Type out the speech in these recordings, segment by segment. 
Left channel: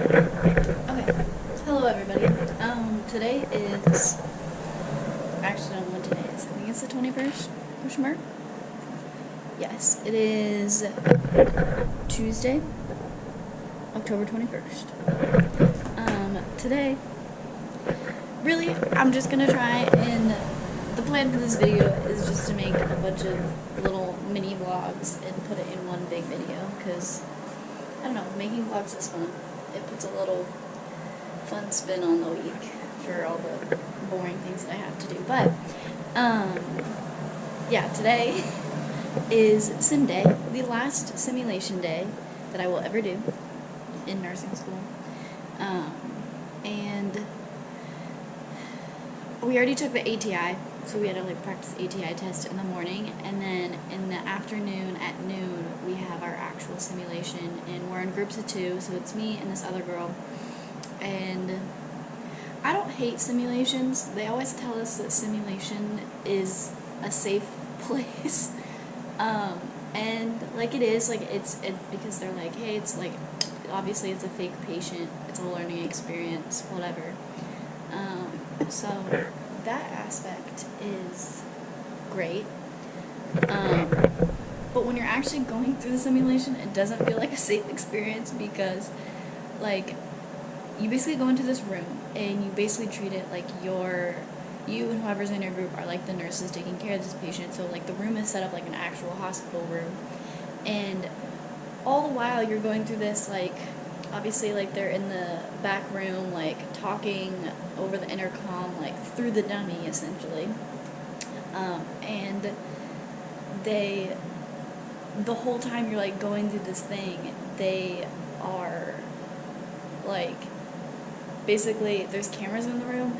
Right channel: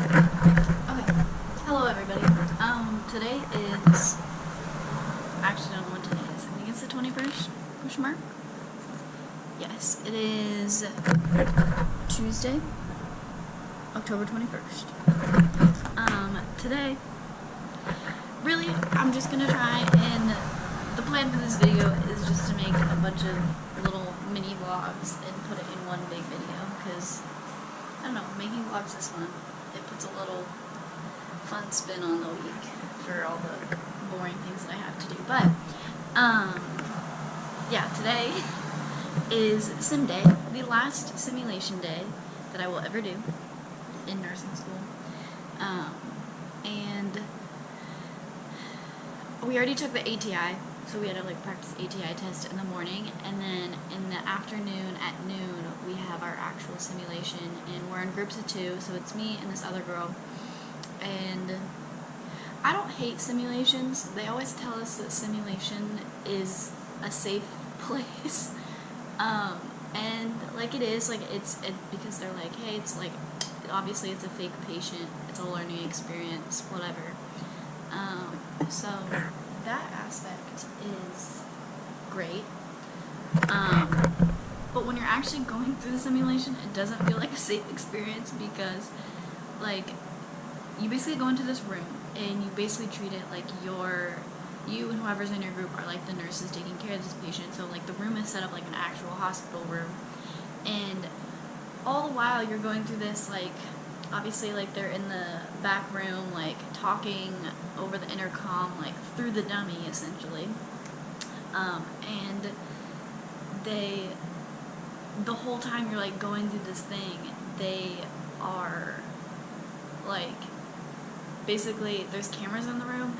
Okay. Hello, everybody. Today is. I actually don't know what today is. I think it's the 21st? Question mark? Yes, it is Tuesday, October 21st. Today, really, I'm just gonna try and. The plan for this video is just to make a bunch of little mini vlogs and put it in one big video, because, I don't know, making vlogs is fun. It puts a little fun spin on the week for all the boring things that I have to do. But, yeah, today is sim day, the last simulation day that I will ever do in nursing school. And we already took the ATI, so we had to like practice ATI test in the morning, and then in the afternoon at noon we have our actual simulation, and we're in groups of 2, so it's me and this other girl. And I don't hate simulations. They always tell us that simulation is a safe place. And like it is, like because they're like, hey, it's like, obviously it's a fake patient, it's a learning experience, whatever. So that aspect is great. But when you're actually going through the simulation, it doesn't feel like a safe experience, because like you basically go into this room and you basically treat it like you and whoever's in your group are like the nurses taking care of this patient. So like the room is set up like an actual hospital room, and all the while you're going through this, like obviously like they're in the back room like talking over the intercom like through the dummy essentially, and the whole time you're like going through this thing, they are like, basically there's cameras in the room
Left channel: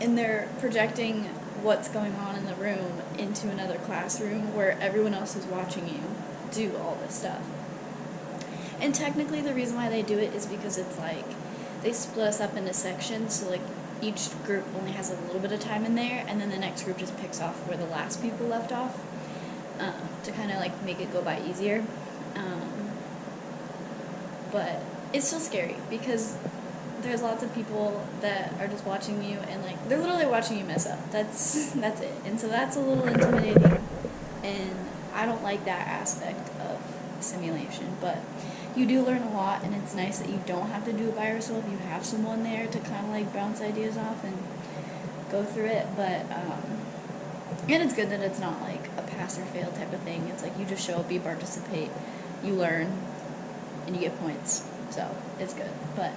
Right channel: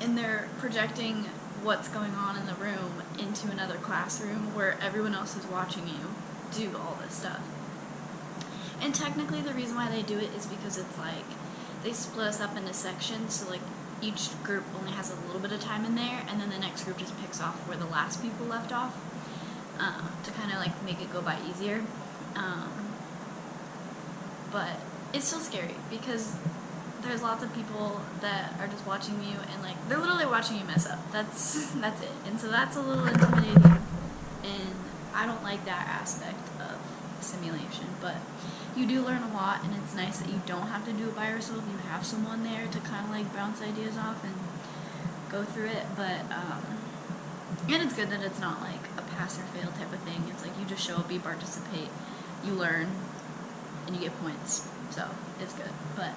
and they're projecting what's going on in the room into another classroom where everyone else is watching you do all this stuff. And technically the reason why they do it is because it's like they split us up into sections, so like each group only has a little bit of time in there, and then the next group just picks off where the last people left off, to kind of like make it go by easier. But it's still scary because there's lots of people that are just watching you, and like they're literally watching you mess up. That's it. And so that's a little intimidating, and I don't like that aspect of simulation. But you do learn a lot, and it's nice that you don't have to do it by yourself. You have someone there to kind of like bounce ideas off and go through it. But and it's good that it's not like a pass or fail type of thing. It's like you just show up, you participate, you learn, and you get points. So it's good. But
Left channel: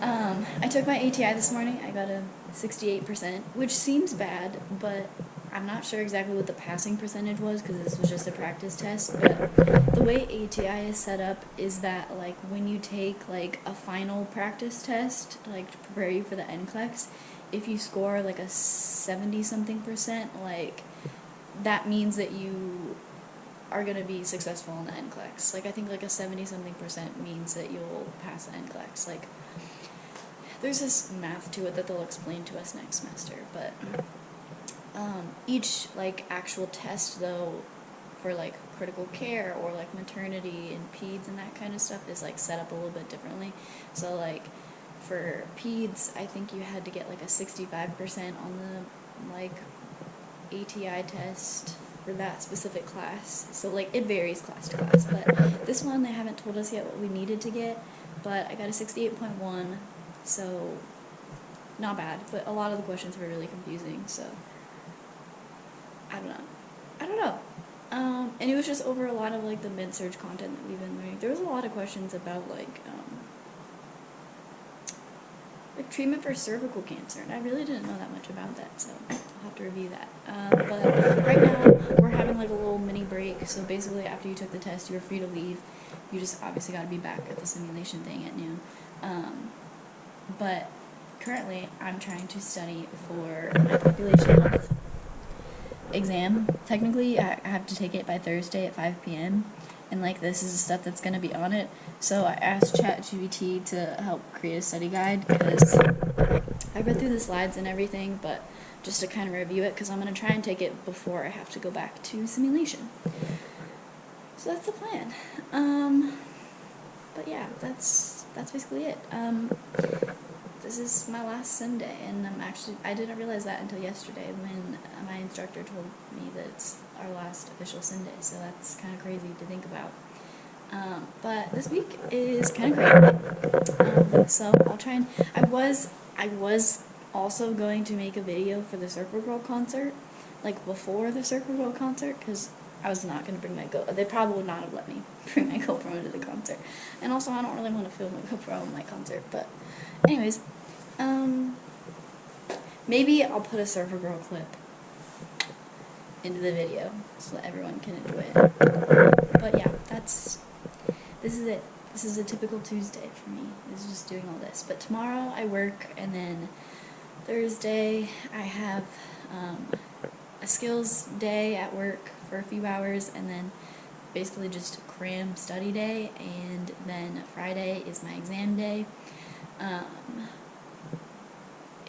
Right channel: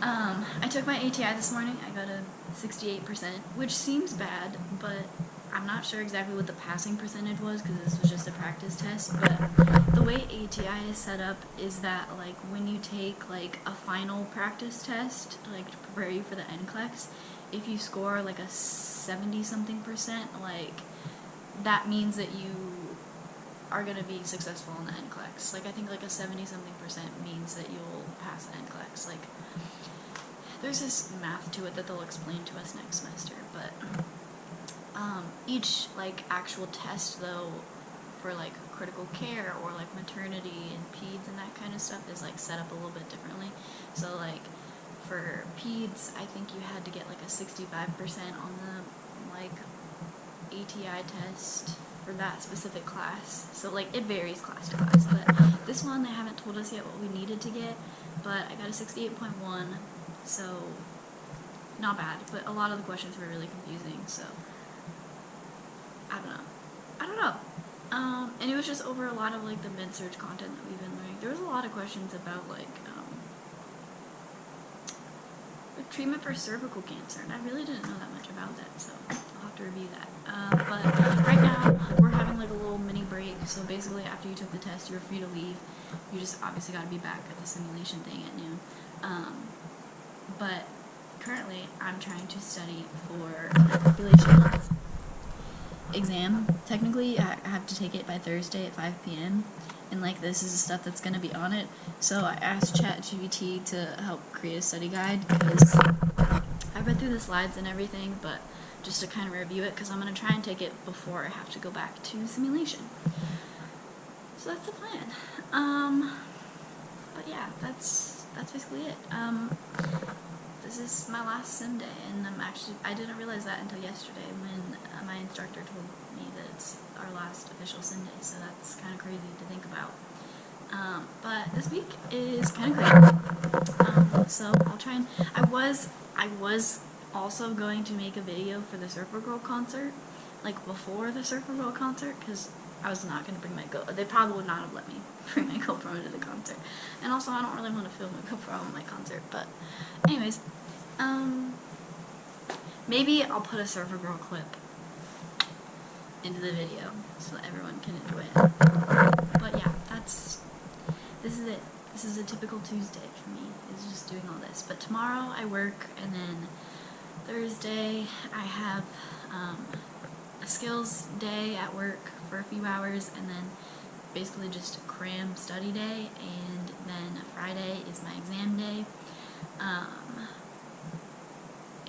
I took my ATI this morning. I got a 68%, which seems bad, but I'm not sure exactly what the passing percentage was because this was just a practice test. But the way ATI is set up is that like when you take like a final practice test, like to prepare you for the NCLEX, if you score like a 70-something%, like that means that you are going to be successful in the NCLEX. Like I think like a 70-something% means that you'll pass the NCLEX. Like there's this math to it that they'll explain to us next semester, but each like actual test though for like critical care or like maternity and peds and that kind of stuff is like set up a little bit differently. So like for peds, I think you had to get like a 65% on the like ATI test for that specific class. So like it varies class to class, but this one they haven't told us yet what we needed to get, but I got a 68.1, so not bad, but a lot of the questions were really confusing, so I don't know. And it was just over a lot of like the med-surg content that we've been learning. There was a lot of questions about like treatment for cervical cancer, and I really didn't know that much about that, so I'll have to review that. But right now we're having like a little mini break, so basically after you took the test you were free to leave. You just obviously got to be back at the simulation thing at noon. But currently I'm trying to study for my population health exam. Technically I have to take it by Thursday at 5 p.m. and like this is the stuff that's going to be on it. So I asked ChatGPT to help create a study guide because I read through the slides and everything, but just to kind of review it because I'm going to try and take it before I have to go back to simulation. So that's the plan. But yeah, that's that's basically it. This is my last sim day, and I didn't realize that until yesterday when my instructor told me that it's our last official sim day, so that's kind of crazy to think about. But this week is kind of crazy. So I'll try and, I was also going to make a video for the Surfer Girl concert, like before the Surfer Girl concert, because I was not going to bring my GoPro. They probably would not have let me bring my GoPro to the concert. And also, I don't really want to film a GoPro on my concert. But anyways, maybe I'll put a Surfer Girl clip into the video so that everyone can enjoy it. But yeah, this is it. This is a typical Tuesday for me, is just doing all this. But tomorrow I work, and then Thursday I have a skills day at work for a few hours, and then basically just cram study day, and then Friday is my exam day.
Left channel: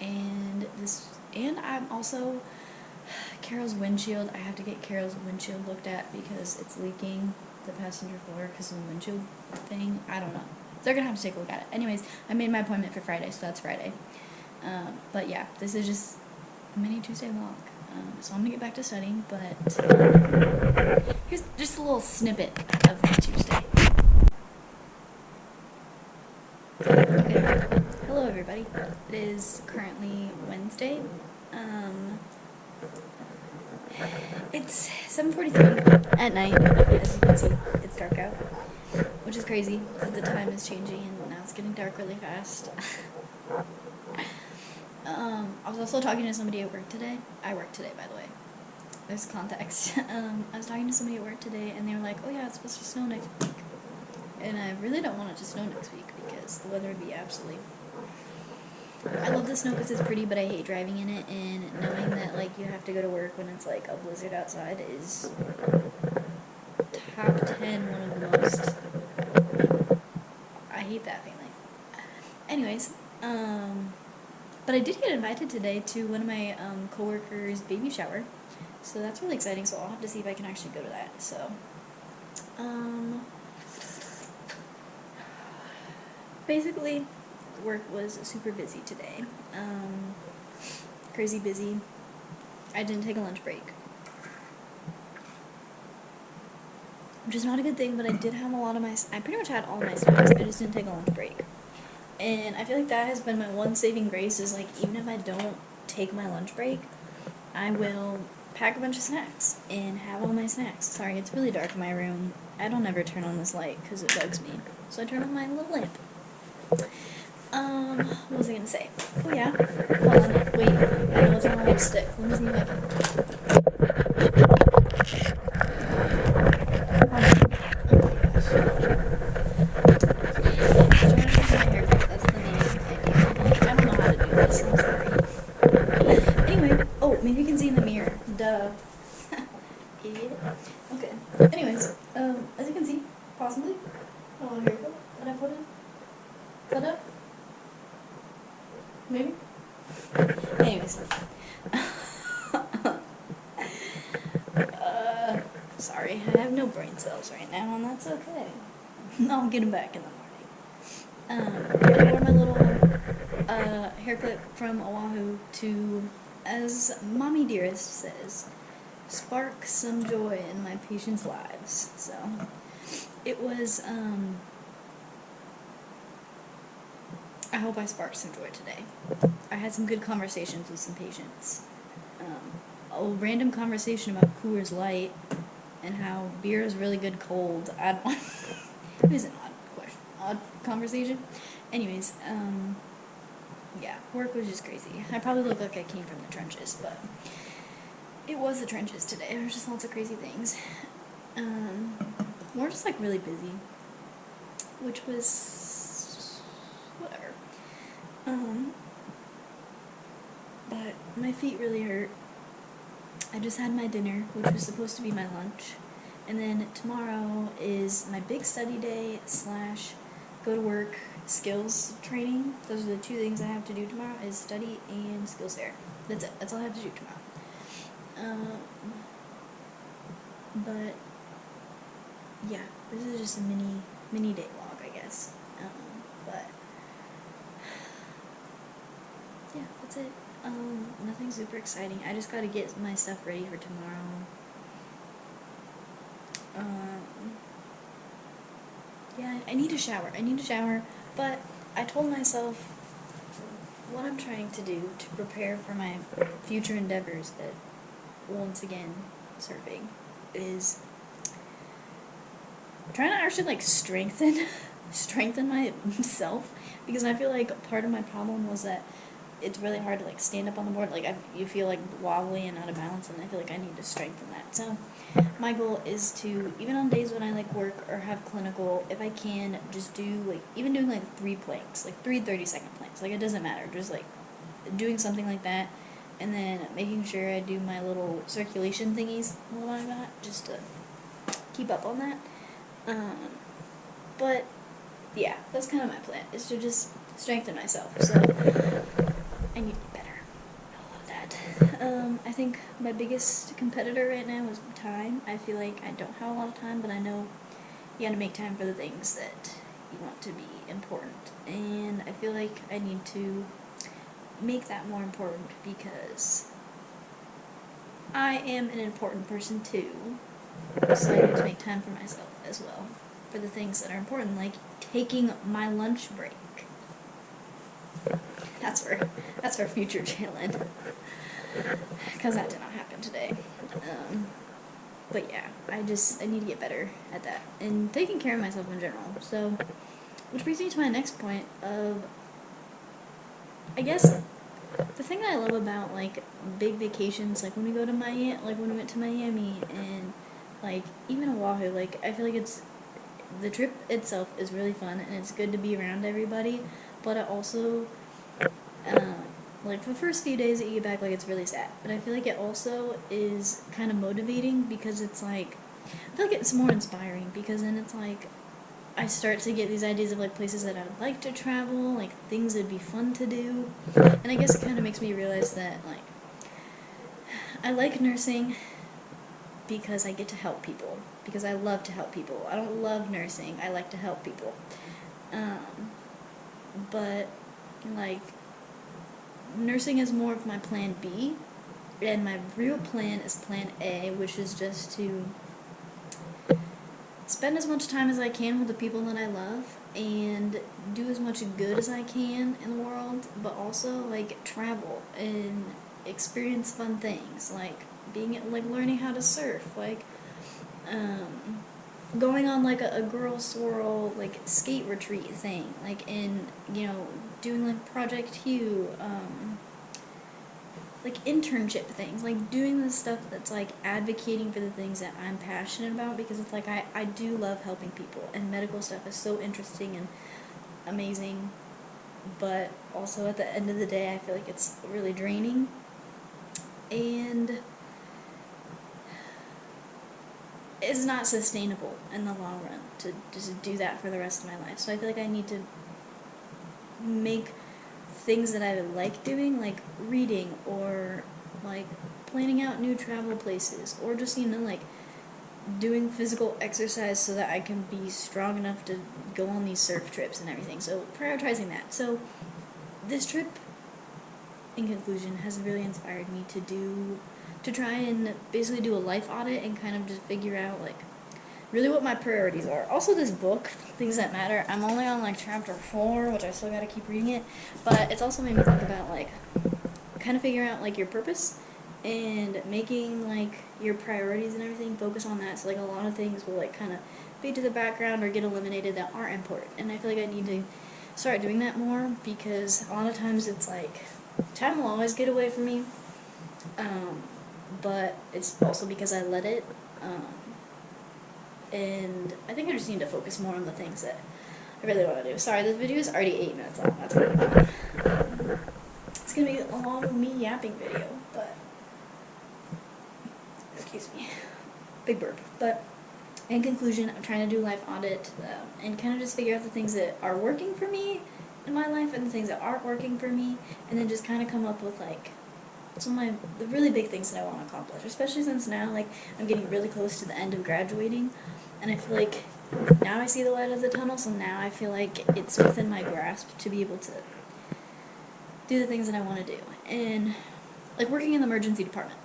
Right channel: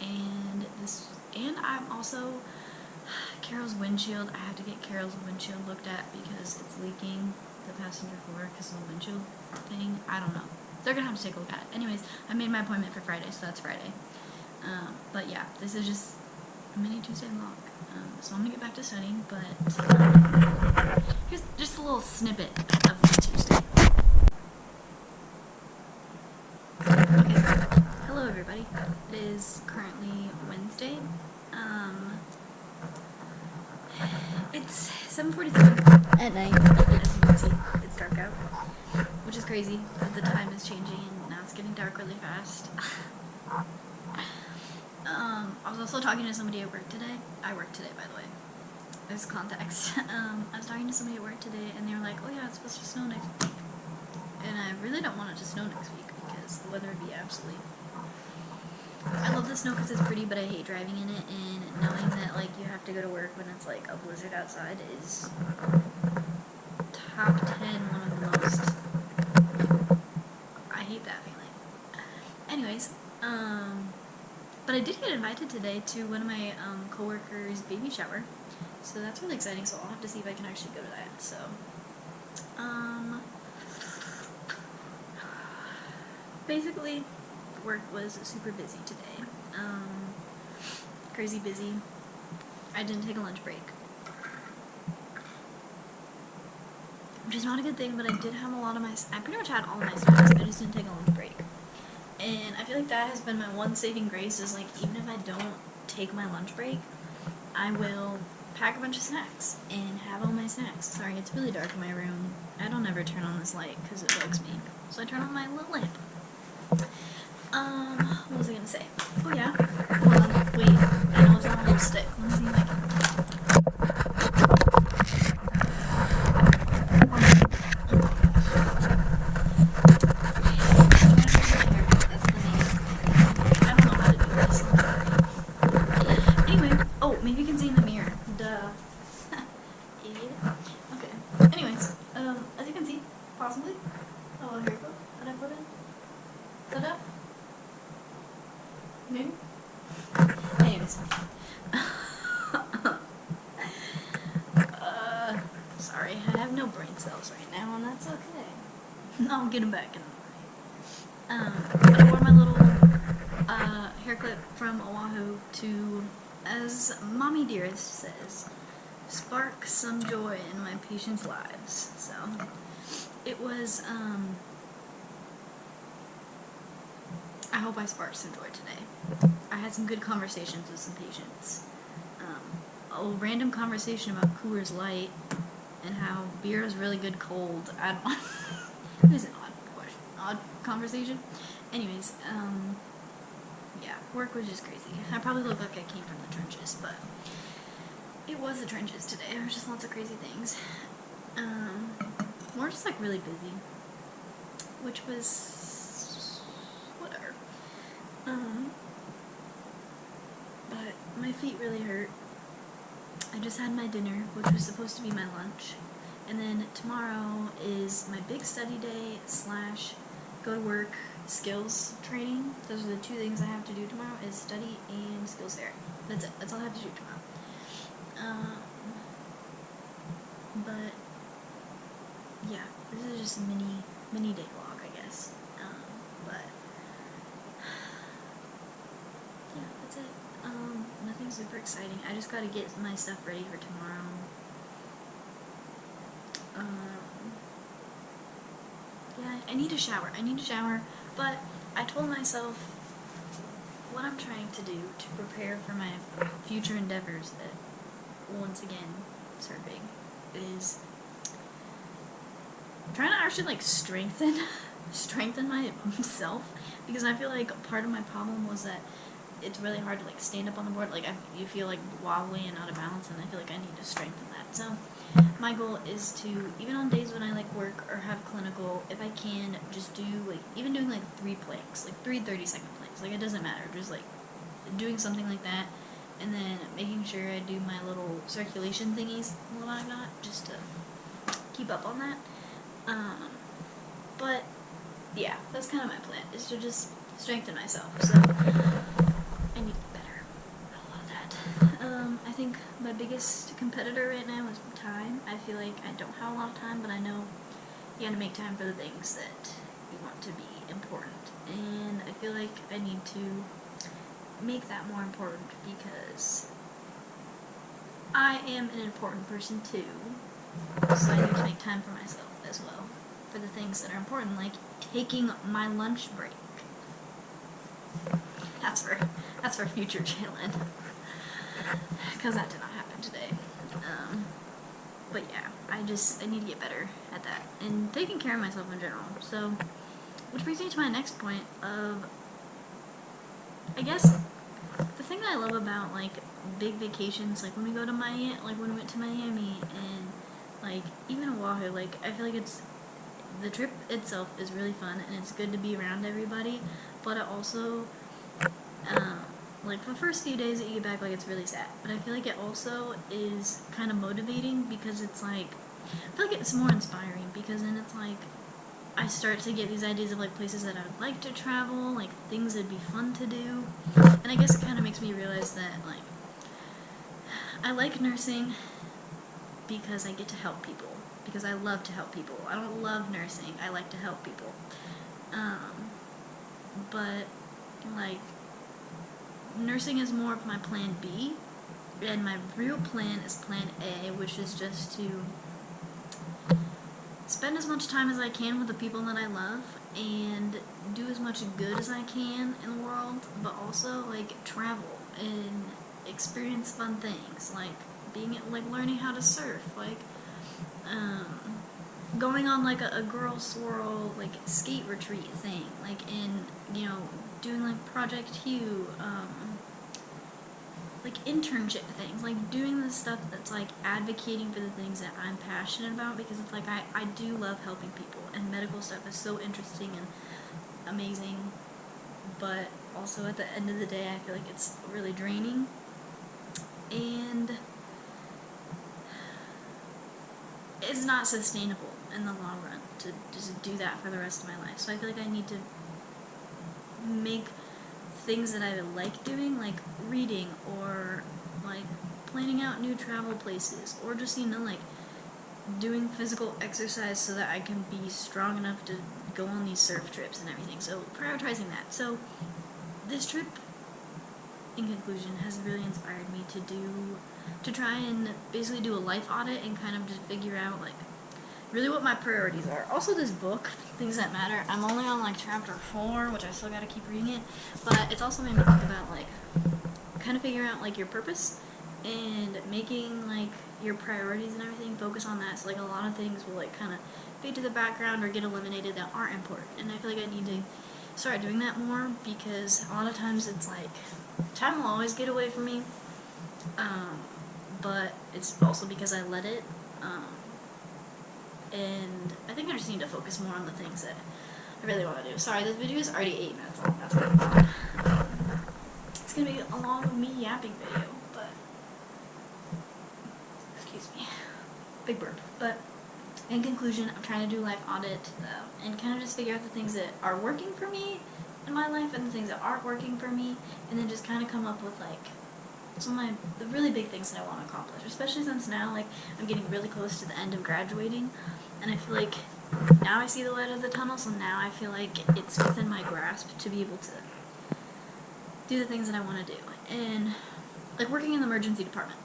And I'm also, Carol's windshield, I have to get Carol's windshield looked at because it's leaking the passenger floor because of the windshield thing. I don't know. They're gonna have to take a look at it. Anyways, I made my appointment for Friday, so that's Friday. But yeah, this is just a mini Tuesday vlog. So I'm gonna get back to studying, but here's just a little snippet of my Tuesday. Okay. Hello everybody. It is currently Wednesday. It's 7:43 at night. As you can see, it's dark out, which is crazy that the time is changing and now it's getting dark really fast. I was also talking to somebody at work today. I work today, by the way. There's context. I was talking to somebody at work today, and they were like, "Oh yeah, it's supposed to snow next week." And I really don't want it to snow next week because the weather would be absolutely... I love the snow because it's pretty, but I hate driving in it, and knowing that like you have to go to work when it's like a blizzard outside is top 10 one of the most... I hate that feeling. Anyways, but I did get invited today to one of my coworkers' baby shower, so that's really exciting. So I'll have to see if I can actually go to that. So, basically, work was super busy today. Crazy busy. I didn't take a lunch break, which is not a good thing, but I did have a lot of I pretty much had all of my snacks. I just didn't take a lunch break. And I feel like that has been my one saving grace, is like, even if I don't take my lunch break, I will pack a bunch of snacks and have all my snacks. Sorry, it's really dark in my room. I don't ever turn on this light because it bugs me. So I turn on my little lamp. What was I gonna say? Oh yeah, hold on, wait, I know it's on a little stick. Let me see if I can... Hold on. Oh my gosh. I'm trying to fix my haircut, that's the main idea. I don't know how to do this, I'm sorry. Anyway, oh, maybe you can see in the mirror. Duh. Idiot. Okay. Anyways, as you can see, possibly, a little haircut that I put in. Is that up? Maybe? Anyways. Sorry, I have no brain cells right now, and that's okay. I'll get them back in the morning. But I wore my little hair clip from Oahu to, as Mommy Dearest says, spark some joy in my patients' lives. So, it was, I hope I sparked some joy today. I had some good conversations with some patients. A random conversation about Coors Light and how beer is really good cold. I don't know. It is an odd conversation. Anyways, yeah, work was just crazy. I probably look like I came from the trenches, but it was the trenches today. There was just lots of crazy things. We're just like really busy, which was whatever. But my feet really hurt. I just had my dinner, which was supposed to be my lunch, and then tomorrow is my big study day / go to work skills training. Those are the two things I have to do tomorrow, is study and skills fair. That's it. That's all I have to do tomorrow. But yeah, this is just a mini day vlog, I guess. But that's it. Nothing super exciting. I just gotta get my stuff ready for tomorrow. Yeah, I need a shower. But I told myself what I'm trying to do to prepare for my future endeavors that, once again, surfing, is trying to actually, like, strengthen myself, because I feel like part of my problem was that it's really hard to, like, stand up on the board. Like, you feel, like, wobbly and out of balance, and I feel like I need to strengthen that. So my goal is to, even on days when I, like, work or have clinical, if I can, just do, like, even doing, like, 3 planks, like 3 30-second planks. Like, it doesn't matter, just, like, doing something like that, and then making sure I do my little circulation thingies what I got, just to keep up on that. But yeah, that's kind of my plan, is to just strengthen myself. So I need to get better at a lot of that. I think my biggest competitor right now is time. I feel like I don't have a lot of time, but I know you gotta make time for the things that you want to be important. And I feel like I need to make that more important, because I am an important person too. So I need to make time for myself as well, for the things that are important, like taking my lunch break. That's for future Jalen, because that did not happen today. But yeah, I need to get better at that and taking care of myself in general. So, which brings me to my next point of, I guess, the thing that I love about, like, big vacations, like when we went to Miami, and like even Oahu, like, I feel like the trip itself is really fun, and it's good to be around everybody, but it also, like, the first few days that you get back, like, it's really sad, but I feel like it also is kind of motivating, because it's like, I feel like it's more inspiring, because then it's like, I start to get these ideas of, like, places that I would like to travel, like, things that'd be fun to do, and I guess it kind of makes me realize that, like, I like nursing because I get to help people, because I love to help people. I don't love nursing, I like to help people. But, like, nursing is more of my plan B, and my real plan is plan A, which is just to spend as much time as I can with the people that I love, and do as much good as I can in the world, but also, like, travel and experience fun things, like learning how to surf, like, going on, like, a girl swirl, like, skate retreat thing, like, doing, like, Project Hue, like, internship things, like, doing the stuff that's, like, advocating for the things that I'm passionate about, because it's like, I do love helping people, and medical stuff is so interesting and amazing, but also at the end of the day, I feel like it's really draining, and it's not sustainable in the long run to just do that for the rest of my life. So I feel like I need to make things that I like doing, like reading, or like planning out new travel places, or just, like, doing physical exercise so that I can be strong enough to go on these surf trips and everything. So prioritizing that. So this trip, in conclusion, has really inspired me to try and basically do a life audit and kind of just figure out, like, really what my priorities are. Also, this book, Things That Matter, I'm only on, like, chapter 4, which I still gotta keep reading it, but it's also made me think about, like, kind of figuring out, like, your purpose, and making, like, your priorities and everything, focus on that, so, like, a lot of things will, like, kind of fade to the background or get eliminated that aren't important, and I feel like I need to start doing that more, because a lot of times it's, like, time will always get away from me, but it's also because I let it, and I think I just need to focus more on the things that I really want to do. Sorry, this video is already 8 minutes long, that's really long. It's going to be a long me yapping video, but, excuse me, big burp. But in conclusion, I'm trying to do a life audit, and kind of just figure out the things that are working for me in my life and the things that aren't working for me, and then just kind of come up with, like, some of the really big things that I want to accomplish, especially since now, like, I'm getting really close to the end of graduating, and I feel like now I see the light of the tunnel, so now I feel like it's within my grasp to be able to do the things that I want to do. And like working in the emergency department,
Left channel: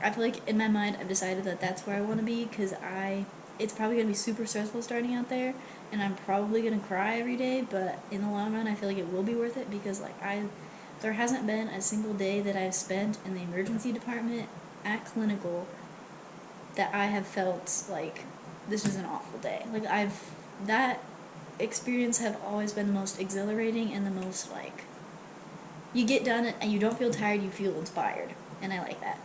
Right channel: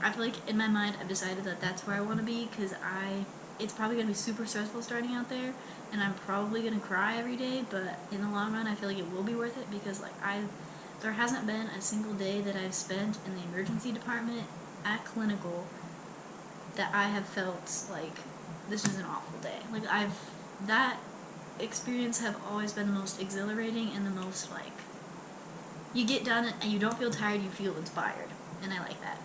I feel like in my mind I've decided that that's where I want to be, because it's probably going to be super stressful starting out there, and I'm probably going to cry every day, but in the long run I feel like it will be worth it, because like there hasn't been a single day that I've spent in the emergency department at clinical that I have felt like this was an awful day. Like that experience have always been the most exhilarating and the most like, you get done and you don't feel tired, you feel inspired, and I like that.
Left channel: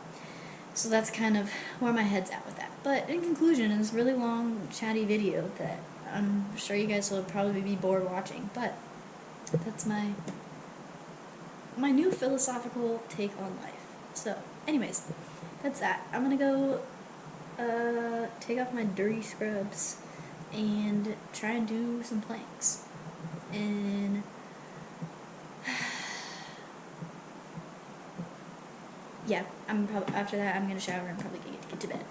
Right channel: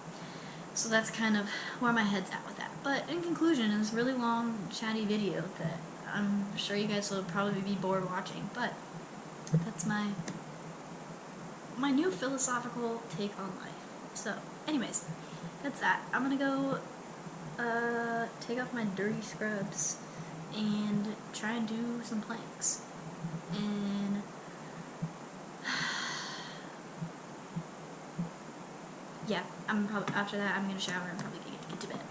So that's kind of where my head's at with that. But in conclusion, in this really long, chatty video that I'm sure you guys will probably be bored watching, but that's my new philosophical take on life. So, anyways, that's that. I'm gonna go take off my dirty scrubs and try and do some planks. And yeah, I'm probably after that I'm gonna shower and probably get to bed.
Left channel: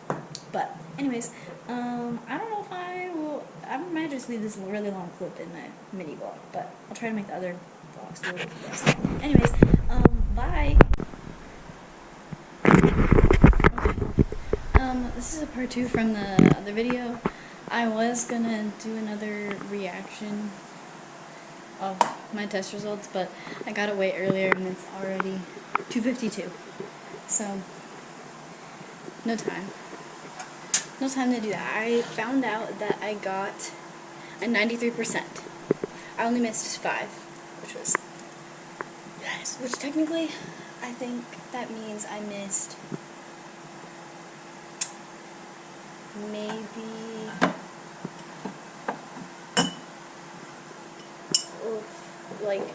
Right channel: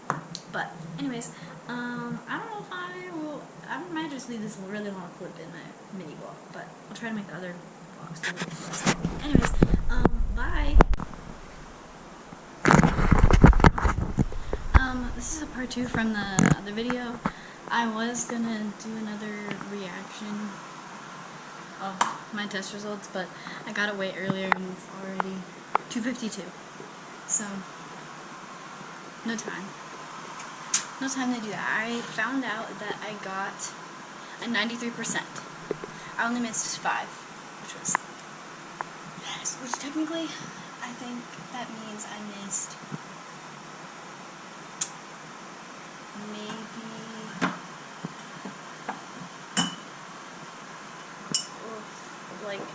But anyways, I don't know if I will. I might just leave this really long clip in my mini vlog, but I'll try to make the other vlogs a little bit less long. Anyways, bye. Okay. This is a part 2 from the other video. I was gonna do another reaction of my test results, but I got it way earlier and it's already 2:52. So, no time to do that. I found out that I got a 93%. I only missed 5, which was, yes, which technically, I think that means I missed maybe, like,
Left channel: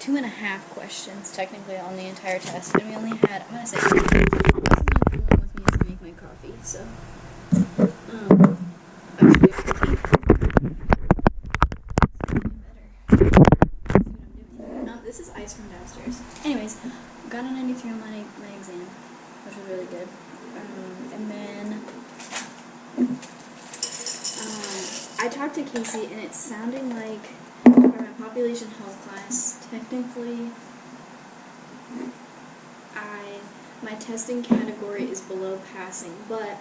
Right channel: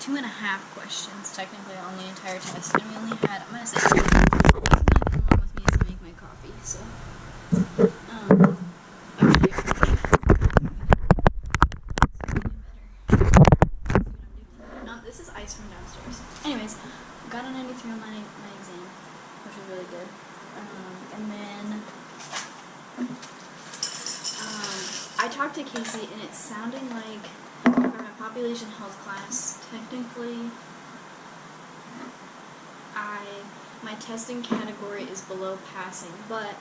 2.5 questions technically on the entire test, and we only had, I'm gonna say, come along with me to make my coffee. So, actually, this is ice from downstairs. Anyways, got a 93 on my exam, which was really good. And then I talked to Casey, and it's sounding like for my population health class, technically, my testing category is below passing, but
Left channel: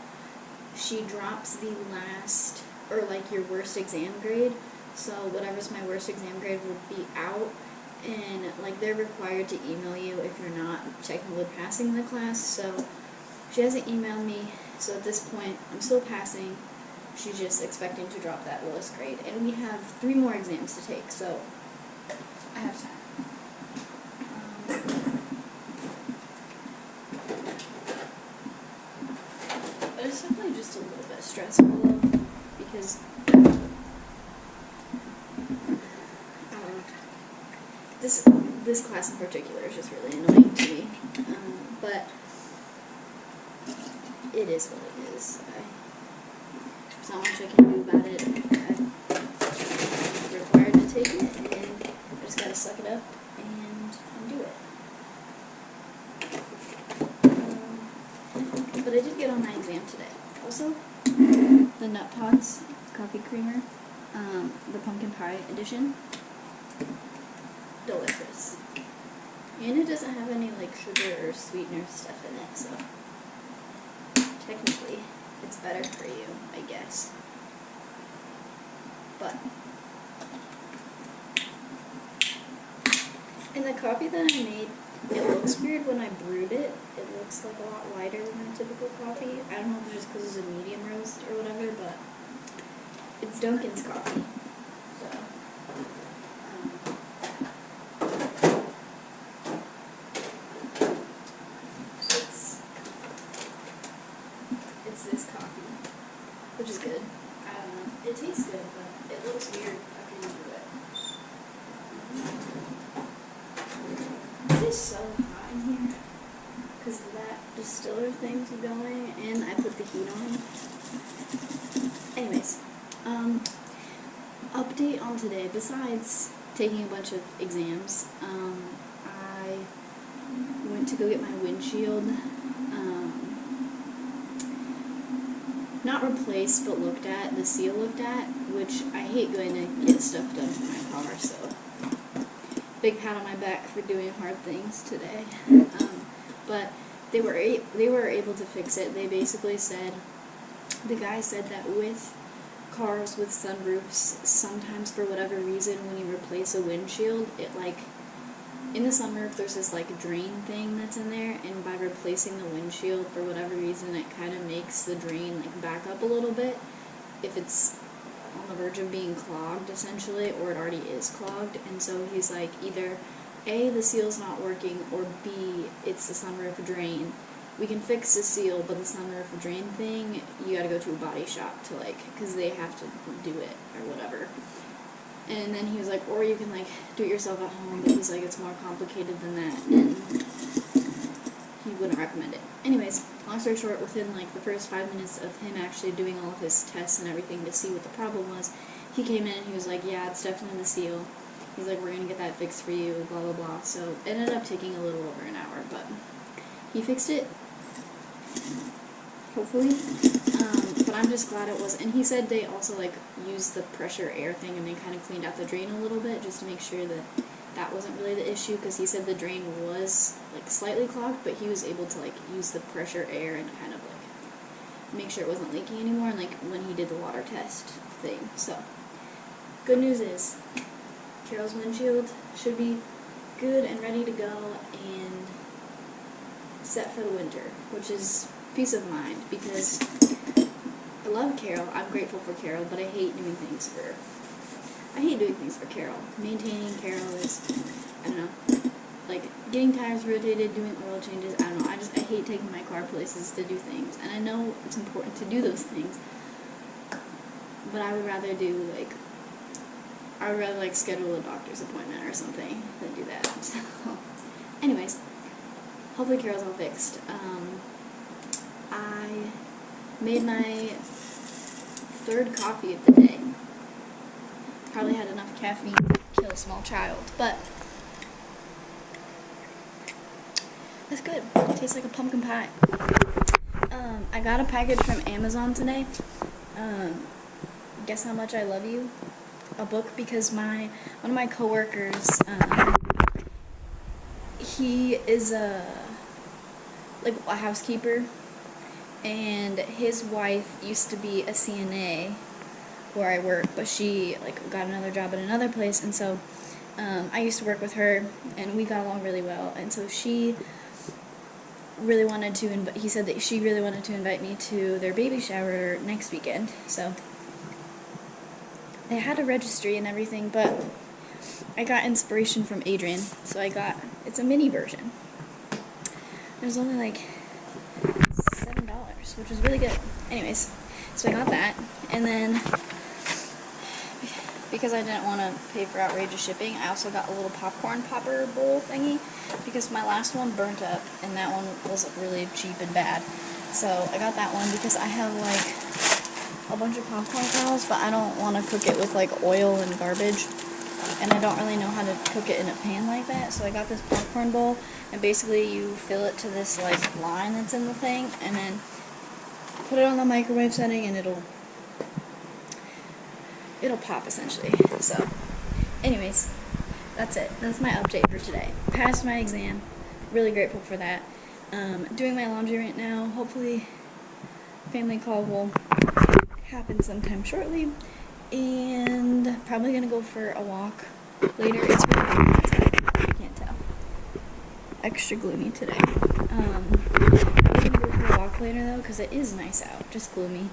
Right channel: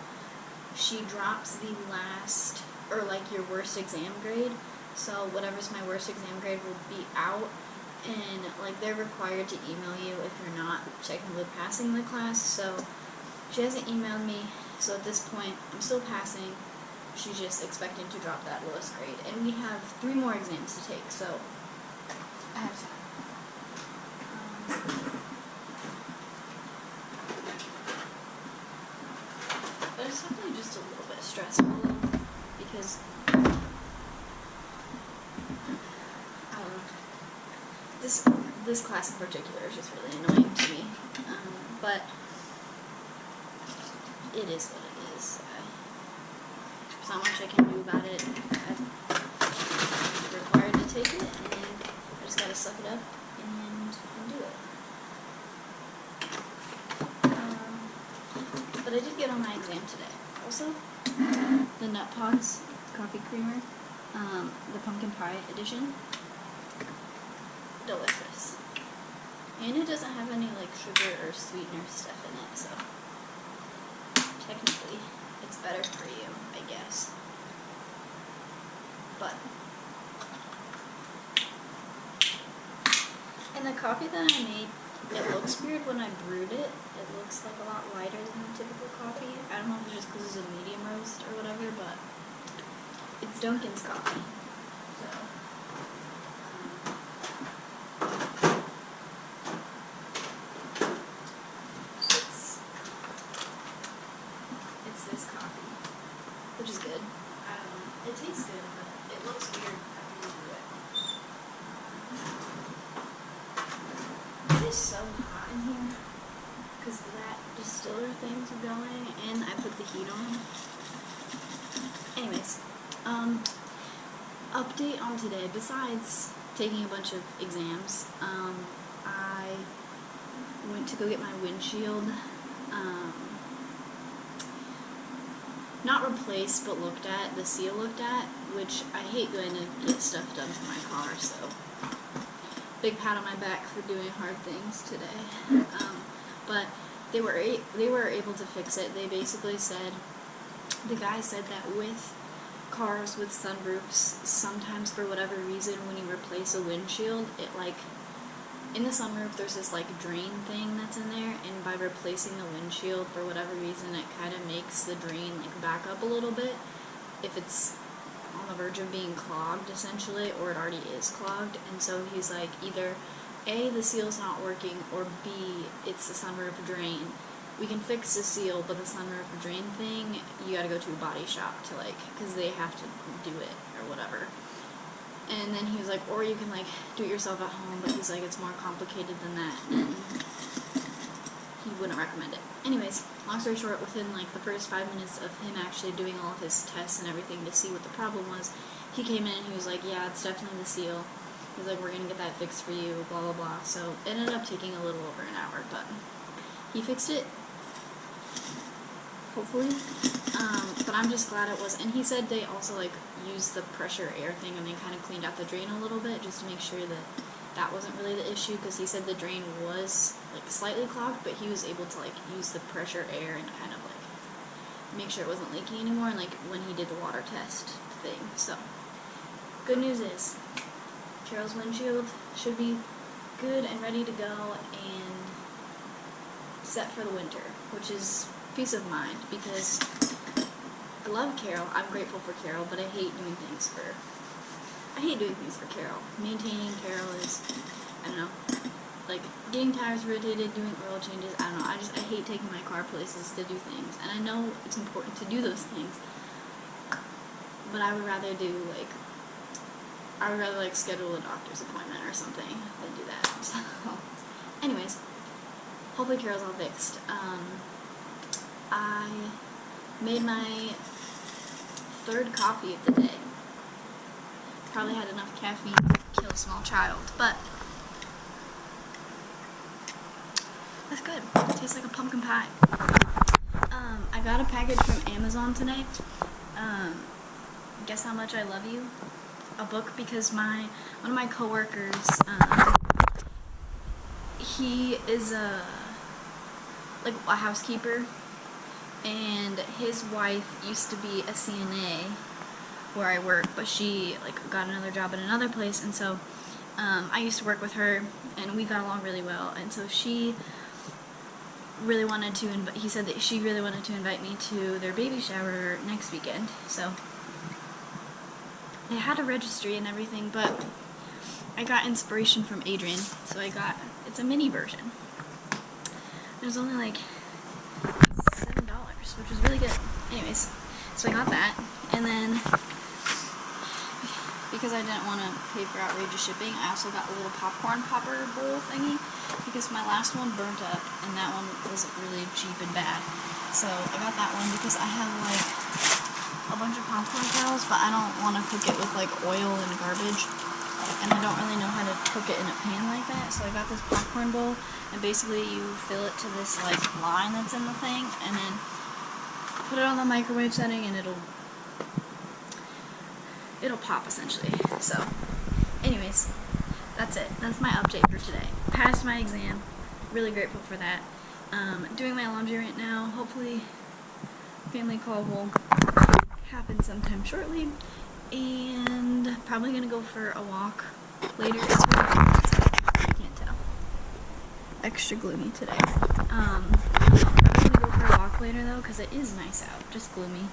she drops the last, or like your worst exam grade, so whatever's my worst exam grade will be out, and like they're required to email you if you're not technically passing the class. So she hasn't emailed me, so at this point I'm still passing. She's just expecting to drop that lowest grade. And we have 3 more exams to take, so I have time. But it's definitely just a little bit stressful, though, because I don't know. This class in particular is just really annoying to me. But it is what it is. There's not much I can do about it. I'm required to take it, and I just gotta suck it up and do it. But I did get on my exam today. Also, the Nut Pods coffee creamer, the pumpkin pie edition, delicious. And it doesn't have any like sugar or sweetener stuff in it, so technically it's better for you, I guess. But, and the coffee that I made, it looks weird when I brewed it. It looks like a lot lighter than a typical coffee. I don't know if it's just because it's a medium roast or whatever, but it's Dunkin's coffee. So, it's this coffee, which is good. I don't know. It tastes good, but it looks weird after you brew it. It is so hot in here because that distiller thing's going, and I put the heat on. Anyways, update on today. Besides taking a bunch of exams, I went to go get my windshield not replaced, but looked at, the seal looked at, which I hate going to get stuff done for my car, so big pat on my back for doing hard things today. But they were able to fix it. They basically said, the guy said that with cars with sunroofs, sometimes for whatever reason, when you replace a windshield, it like, in the sunroof there's this like drain thing that's in there, and by replacing the windshield, for whatever reason, it kind of makes the drain like back up a little bit if it's on the verge of being clogged, essentially, or it already is clogged. And so he's like, either A, the seal's not working, or B, it's the sunroof drain. We can fix the seal, but the sunroof drain thing, you gotta go to a body shop to like, because they have to do it or whatever. And then he was like, or you can like do it yourself at home, but he's like, it's more complicated than that, and he wouldn't recommend it. Anyways, long story short, within like the first 5 minutes of him actually doing all of his tests and everything to see what the problem was, he came in and he was like, yeah, it's definitely the seal. He's like, we're gonna get that fixed for you, blah blah blah. So it ended up taking a little over an hour, but he fixed it, hopefully. But I'm just glad it was. And he said they also like used the pressure air thing, and they kind of cleaned out the drain a little bit just to make sure that that wasn't really the issue, because he said the drain was like slightly clogged, but he was able to like use the pressure air and kind of like make sure it wasn't leaking anymore, and like when he did the water test thing. So good news is Carol's windshield should be good and ready to go and set for the winter, which is peace of mind, because I love Carol, I'm grateful for Carol, but I hate doing things for Carol. Maintaining Carol is, I don't know, like getting tires rotated, doing oil changes, I don't know, I hate taking my car places to do things, and I know it's important to do those things, but I would rather schedule a doctor's appointment or something than do that. So, anyways, hopefully Carol's all fixed. I made my third coffee of the day. Probably had enough caffeine to kill a small child, but that's good. It tastes like a pumpkin pie. I got a package from Amazon today. Guess How Much I Love You? A book, because one of my coworkers, he is a housekeeper, and his wife used to be a CNA where I work, but she like got another job at another place, and so I used to work with her, and we got along really well, and so she really wanted to he said that she really wanted to invite me to their baby shower next weekend. So they had a registry and everything, but I got inspiration from Adrian, so it's a mini version. It was only like $7, which was really good. Anyways, so I got that, and then because I didn't want to pay for outrageous shipping, I also got a little popcorn popper bowl thingy, because my last one burnt up, and that one was really cheap and bad. So I got that one because I have like a bunch of popcorn kernels, but I don't want to cook it with like oil and garbage, and I don't really know how to cook it in a pan like that. So I got this popcorn bowl, and basically you fill it to this like line that's in the thing, and then put it on the microwave setting, and it'll pop essentially. So anyways, that's it. That's my update for today. Passed my exam. Really grateful for that. Doing my laundry right now. Hopefully family call will happen sometime shortly, and probably gonna go for a walk later. It's really gloomy outside, if you can't tell. Extra gloomy today. Probably gonna go for a walk later though, because it is nice out, just gloomy.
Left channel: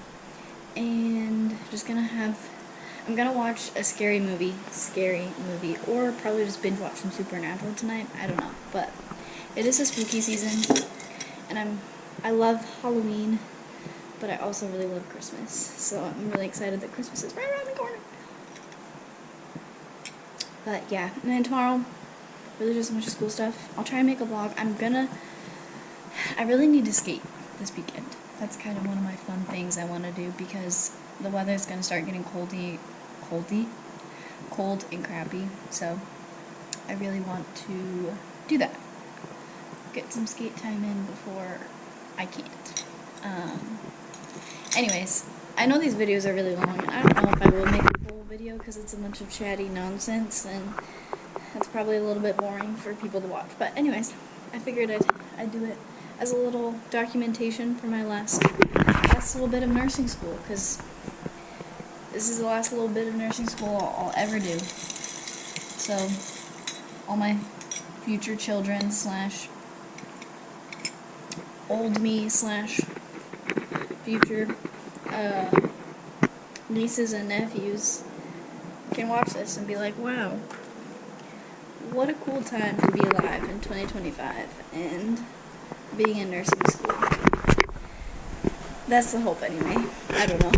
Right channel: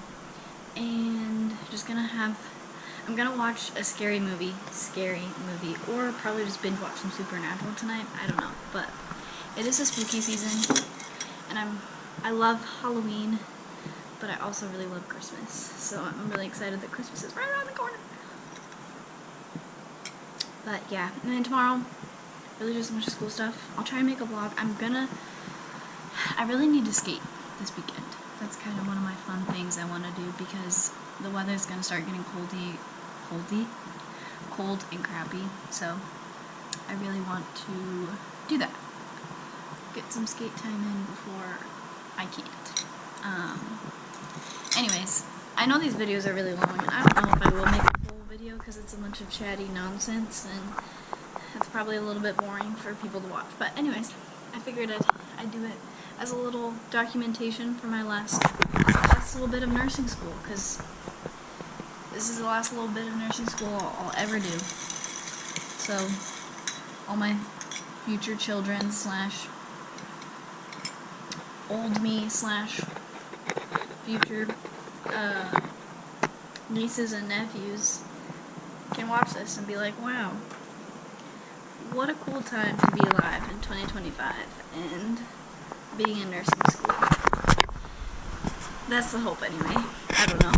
And I'm gonna watch a scary movie, or probably just binge watch some Supernatural tonight. I don't know, but it is a spooky season, and I love Halloween, but I also really love Christmas, so I'm really excited that Christmas is right around the corner. But yeah, and then tomorrow, really just a bunch of school stuff. I'll try and make a vlog. I really need to skate this weekend. That's kind of one of my fun things I want to do, because the weather's going to start getting cold and crappy, so I really want to do that. Get some skate time in before I can't. anyways, I know these videos are really long, and I don't know if I will make a full video because it's a bunch of chatty nonsense, and that's probably a little bit boring for people to watch. But anyways, I figured I'd do it as a little documentation for my last little bit of nursing school, because this is the last little bit of nursing school I'll ever do. So, all my future children slash old me slash future nieces and nephews can watch this and be like, wow, what a cool time to be alive in 2025 and being in nursing school. That's the hope anyway. I don't know.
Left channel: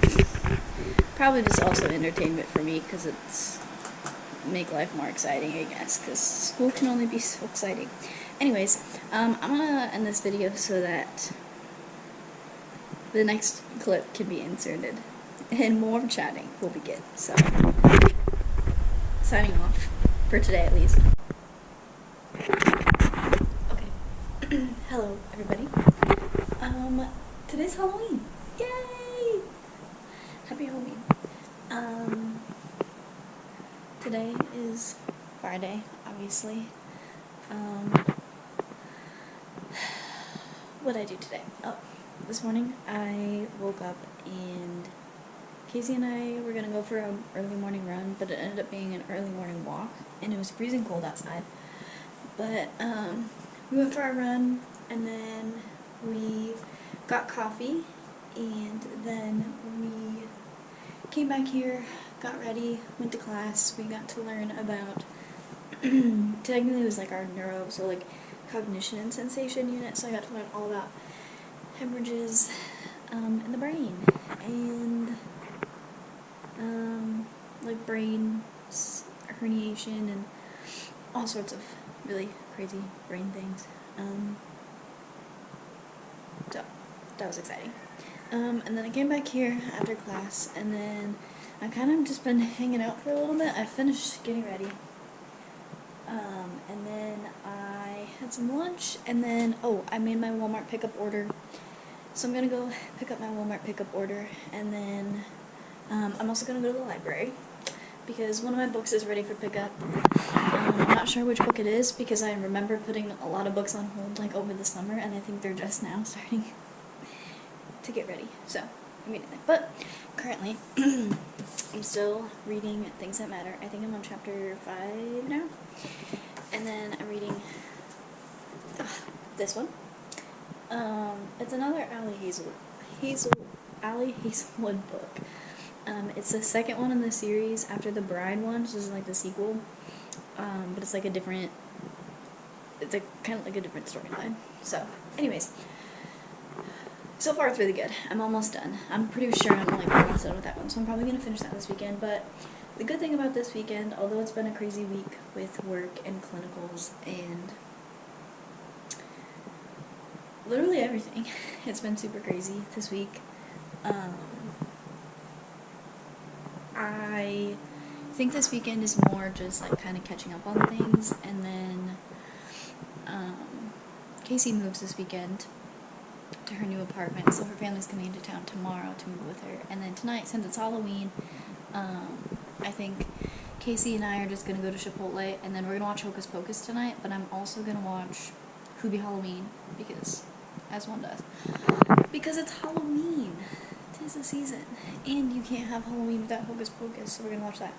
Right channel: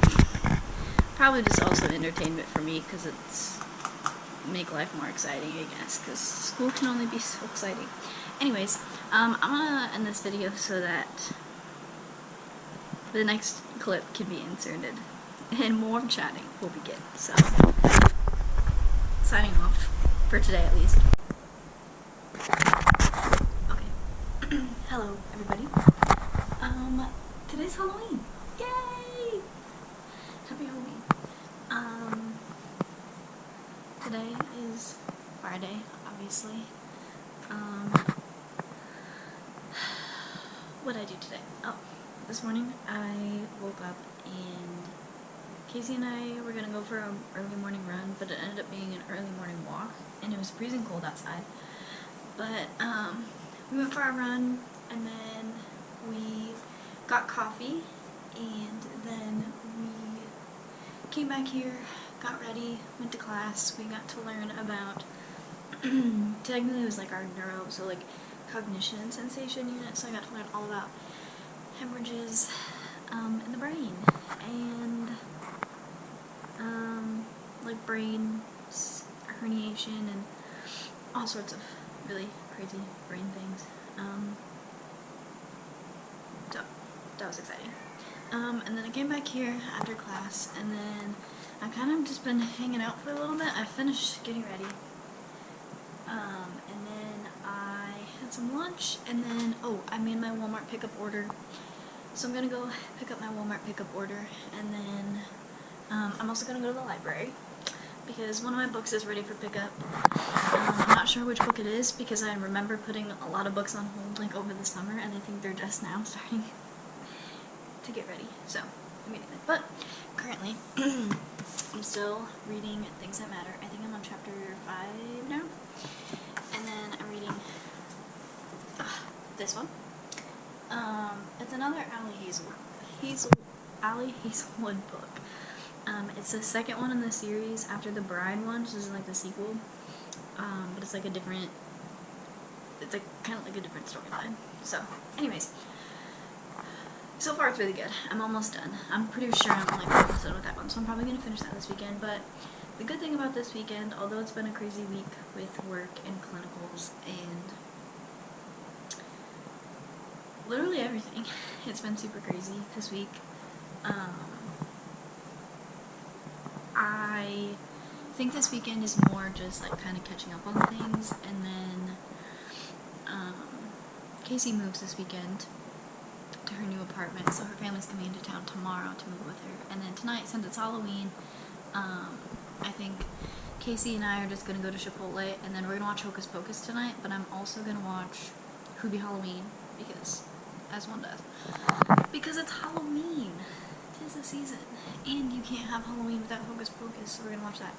Probably just also entertainment for me because it's make life more exciting, I guess, because school can only be so exciting. Anyways, I'm gonna end this video so that the next clip can be inserted and more chatting will begin. So, signing off for today at least. Okay. Hello, everybody. Today's Halloween. Yay! Happy Halloween. Today is Friday, obviously. What did I do today? Oh, this morning I woke up and Casey and I were gonna go for an early morning run, but it ended up being an early morning walk, and it was freezing cold outside. But we went for our run, and then we got coffee, and then we came back here, got ready, went to class. We got to learn about, technically it was like our neuro, so like cognition and sensation unit, so I got to learn all about hemorrhages in the brain, and like brain herniation and all sorts of really crazy brain things. So that was exciting. And then I came back here after class, and then I kind of just been hanging out for a little bit. I finished getting ready. And then I had some lunch, and then, oh, I made my Walmart pickup order. So I'm gonna go pick up my Walmart pickup order, and then I'm also gonna go to the library because one of my books is ready for pickup. I'm not sure which book it is because I remember putting a lot of books on hold like over the summer, and I think they're just now starting to get ready. So immediately, but currently I'm still reading Things That Matter. I think I'm on chapter 5 now, and then I'm reading this one. It's another Allie Hazelwood book. It's the second one in the series after the Bride one, which is like the sequel. But it's like a different, it's like kind of like a different storyline. So, anyways, so far it's really good. I'm almost done. I'm pretty sure I'm like almost done with that one, so I'm probably gonna finish that this weekend. But the good thing about this weekend, although it's been a crazy week with work and clinicals and literally everything, it's been super crazy this week. I think this weekend is more just like kind of catching up on things, and then Casey moves this weekend to her new apartment, so her family's coming into town tomorrow to move with her, and then tonight, since it's Halloween, I think Casey and I are just gonna go to Chipotle, and then we're gonna watch Hocus Pocus tonight, but I'm also gonna watch Who Halloween, because, as one does, because it's Halloween. 'Tis the season, and you can't have Halloween without Hocus Pocus, so we're gonna watch that.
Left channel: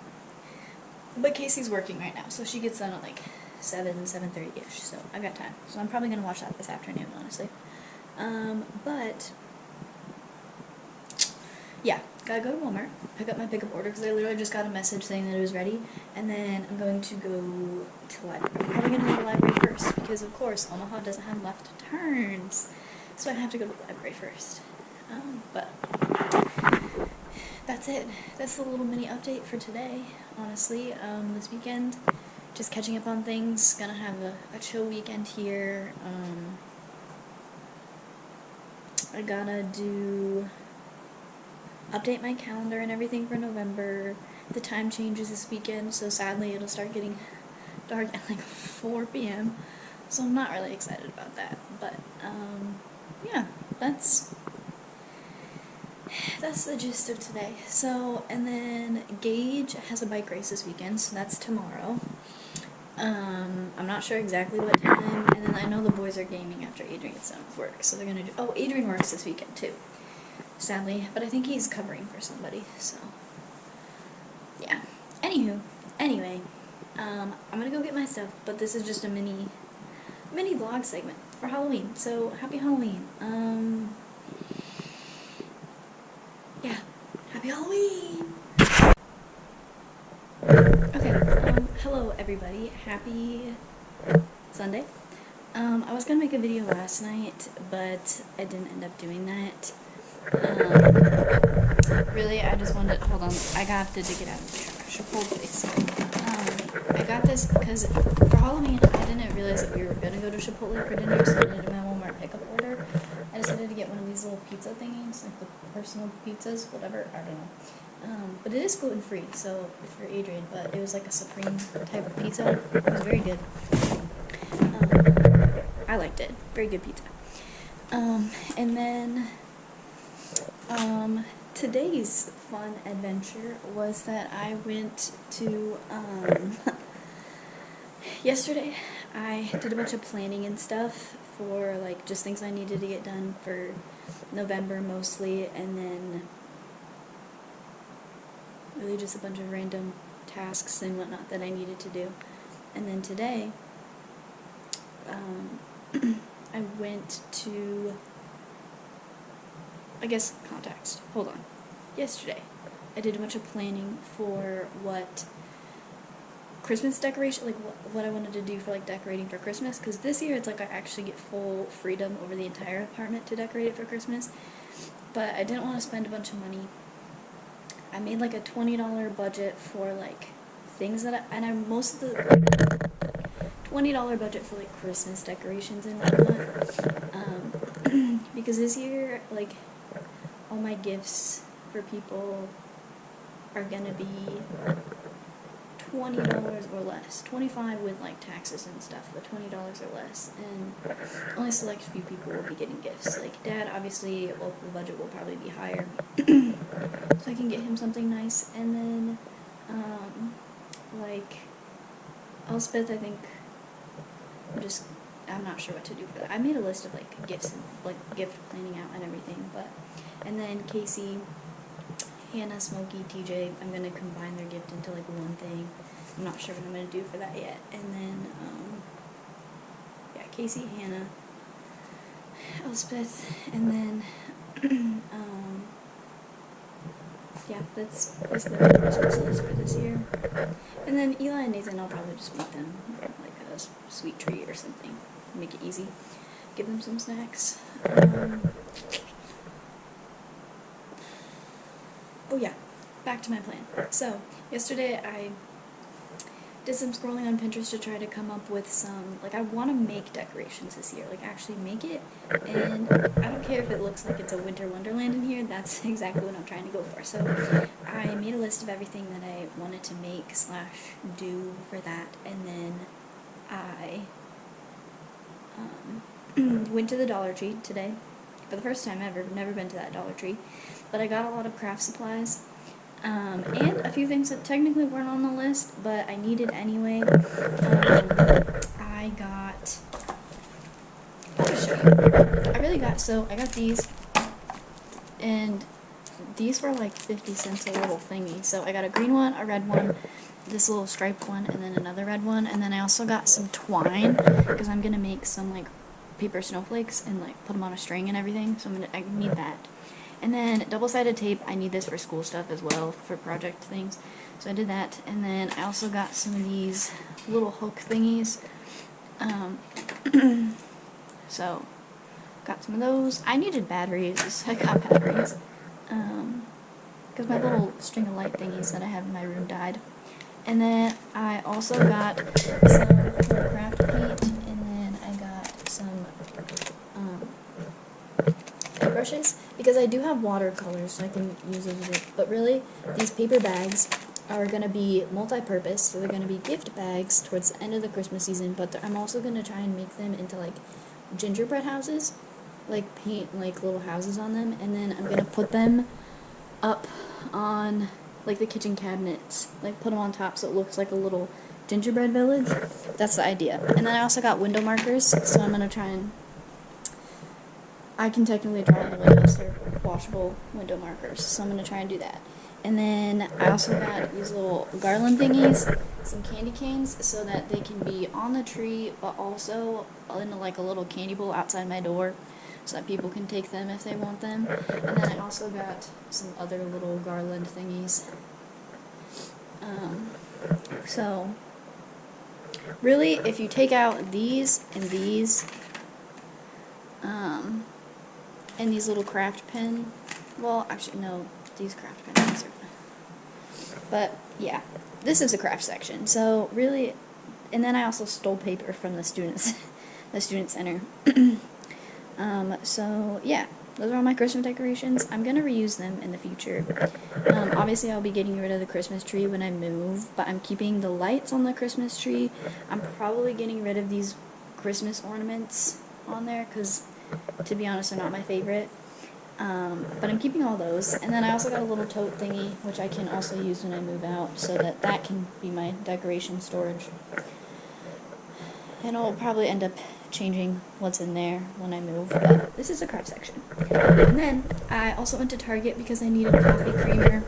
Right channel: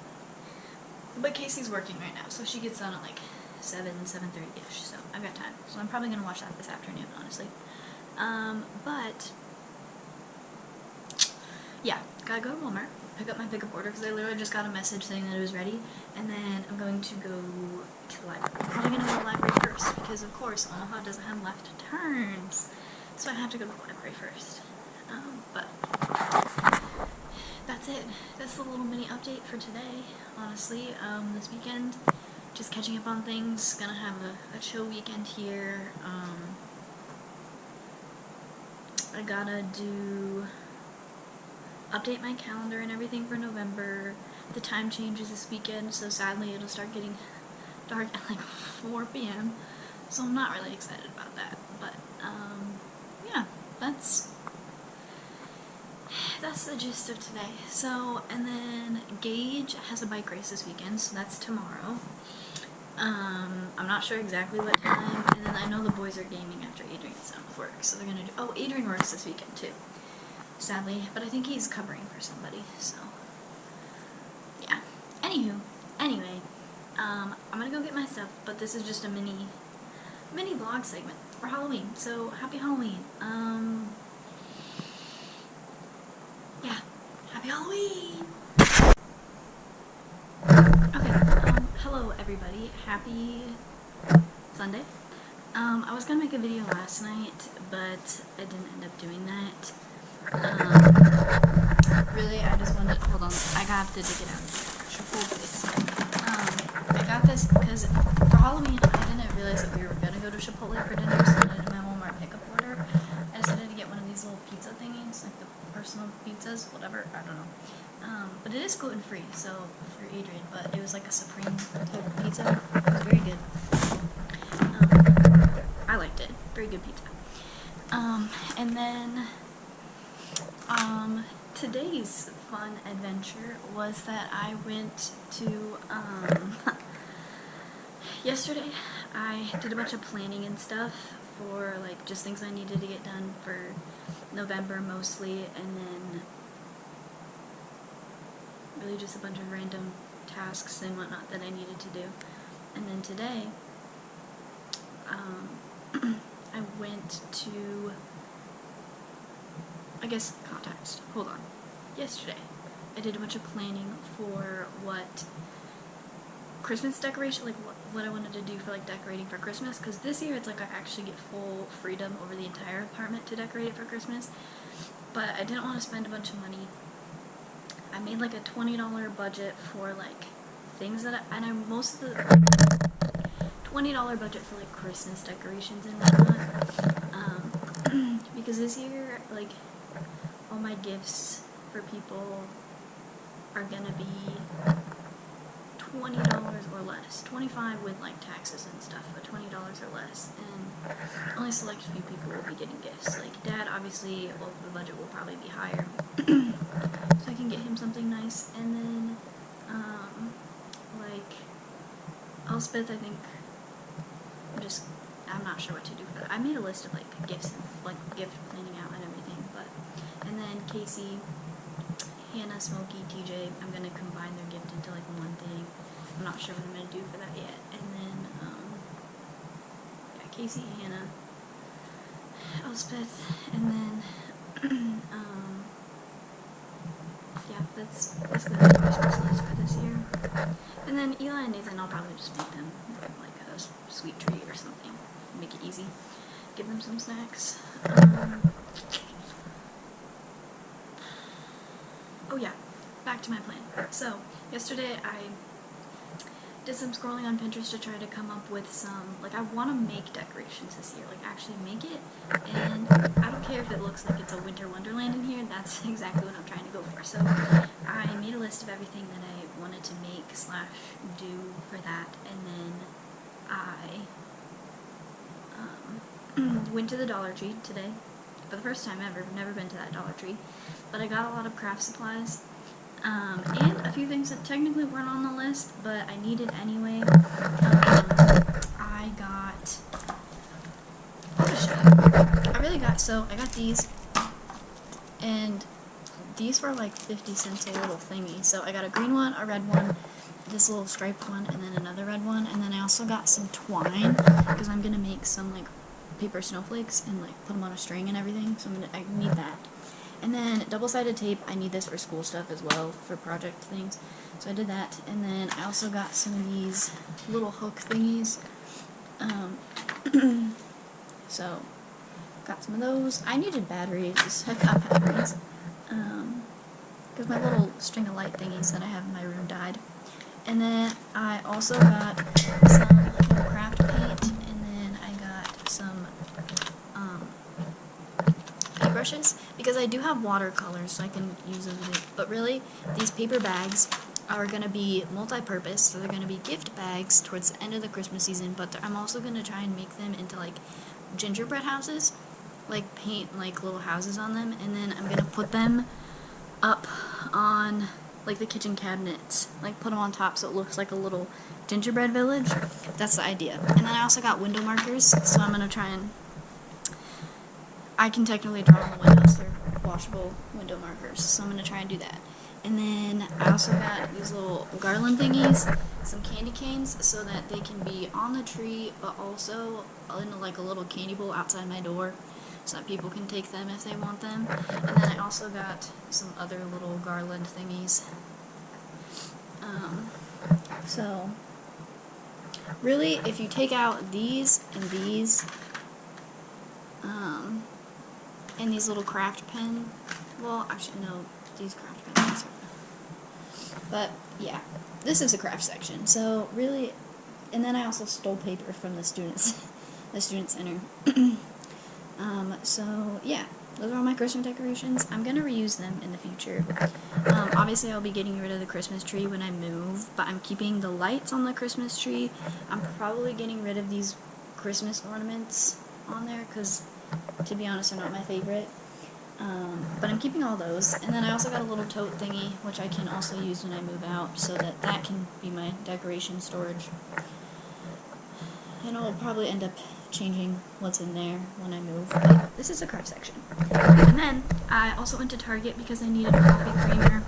But Casey's working right now, so she gets done at like 7:30ish, so I've got time. So I'm probably gonna watch that this afternoon, honestly. But yeah, gotta go to Walmart, pick up my pickup order, because I literally just got a message saying that it was ready, and then I'm going to go to the library. I'm probably gonna go to the library first, because of course Omaha doesn't have left turns, so I have to go to the library first. But that's it. That's the little mini update for today, honestly. This weekend, just catching up on things, gonna have a chill weekend here. I gotta update my calendar and everything for November. The time changes this weekend, so sadly it'll start getting dark at like 4 p.m. So I'm not really excited about that, but yeah, that's that's the gist of today. So, and then Gage has a bike race this weekend, so that's tomorrow. I'm not sure exactly what time, and then I know the boys are gaming after Adrian gets done with work, so they're gonna do, oh, Adrian works this weekend too, sadly, but I think he's covering for somebody, so, yeah. Anyway, I'm gonna go get my stuff, but this is just a mini vlog segment for Halloween, so happy Halloween. Yeah, happy Halloween! Okay, hello everybody, happy Sunday. I was gonna make a video last night, but I didn't end up doing that. Really, I just wanted, hold on, I got to dig it out of the trash. Hold please. I got this because for Halloween, I didn't realize that we were gonna go to Chipotle for dinner, so I did my Walmart pickup order. I decided to get one of these little pizza thingies, like the personal pizzas, whatever, I don't know. But it is gluten-free, so for Adrian, but it was like a supreme type of pizza. It was very good. I liked it. Very good pizza. And then, today's fun adventure was that I went to, yesterday I did a bunch of planning and stuff for, like, just things I needed to get done for November mostly, and then really just a bunch of random tasks and whatnot that I needed to do. And then today, I went to, I guess, context. Hold on. Yesterday, I did a bunch of planning for what Christmas decoration, like what I wanted to do for like decorating for Christmas, because this year it's like I actually get full freedom over the entire apartment to decorate it for Christmas, but I didn't want to spend a bunch of money. I made like a $20 budget for like things that most of the $20 budget for like Christmas decorations and whatnot, because this year like all my gifts for people are gonna be $20 or less. $25 with like taxes and stuff, but $20 or less, and only select few people will be getting gifts. Like Dad, obviously, well, the budget will probably be higher, so I can get him something nice. And then, like Elspeth, I think I'm not sure what to do for that. I made a list of like gifts and like gift planning out and everything, and then Casey, Hannah, Smokey, TJ, I'm gonna combine their gift into like one thing. I'm not sure what I'm gonna do for that yet. And then, yeah, Casey, Hannah, Elspeth, and then, yeah, that's basically my Christmas list for this year. And then Eli and Nathan, I'll probably just make them like a sweet treat or something. Make it easy. Give them some snacks. Oh yeah, back to my plan. So, yesterday I did some scrolling on Pinterest to try to come up with some, like, I want to make decorations this year, like actually make it, and I don't care if it looks like it's a winter wonderland in here, that's exactly what I'm trying to go for. So I made a list of everything that I wanted to make / do for that, and then I went to the Dollar Tree today for the first time ever. Never been to that Dollar Tree, but I got a lot of craft supplies, and a few things that technically weren't on the list, but I needed anyway. I got, I'll just show you. I got these, and these were like 50 cents a little thingy. So I got a green one, a red one, this little striped one, and then another red one, and then I also got some twine, because I'm gonna make some like paper snowflakes and like put them on a string and everything, so I need that. And then double-sided tape, I need this for school stuff as well, for project things, so I did that. And then I also got some of these little hook thingies, so got some of those. I needed batteries. I got batteries, because my little string of light thingies that I have in my room died. And then I also got some little craft paint, and then I got some paintbrushes, because I do have watercolors, so I can use those with it. But really, these paper bags are going to be multi-purpose, so they're going to be gift bags towards the end of the Christmas season, but I'm also going to try and make them into like gingerbread houses, like paint like little houses on them, and then I'm going to put them up on like the kitchen cabinets, like put them on top so it looks like a little gingerbread village. That's the idea. And then I also got window markers, so I'm gonna try and, I can technically draw on the windows. They're washable window markers, so I'm gonna try and do that. And then I also got these little garland thingies, some candy canes, so that they can be on the tree, but also in like a little candy bowl outside my door, so that people can take them if they want them. And then I also got some other little garland thingies. So really, if you take out these and these little craft pen, well, actually no, these craft pens are, but yeah, this is a craft section. So really, and then I also stole paper from the student center. So yeah, those are all my Christmas decorations. I'm gonna reuse them in the future. Obviously I'll be getting rid of the Christmas tree when I move, but I'm keeping the lights on the Christmas tree. I'm probably getting rid of these Christmas ornaments on there, because to be honest, they're not my favorite. But I'm keeping all those. And then I also got a little tote thingy, which I can also use when I move out, so that can be my decoration storage. And I'll probably end up changing what's in there when I move, but this is a craft section. And then I also went to Target because I needed a coffee creamer,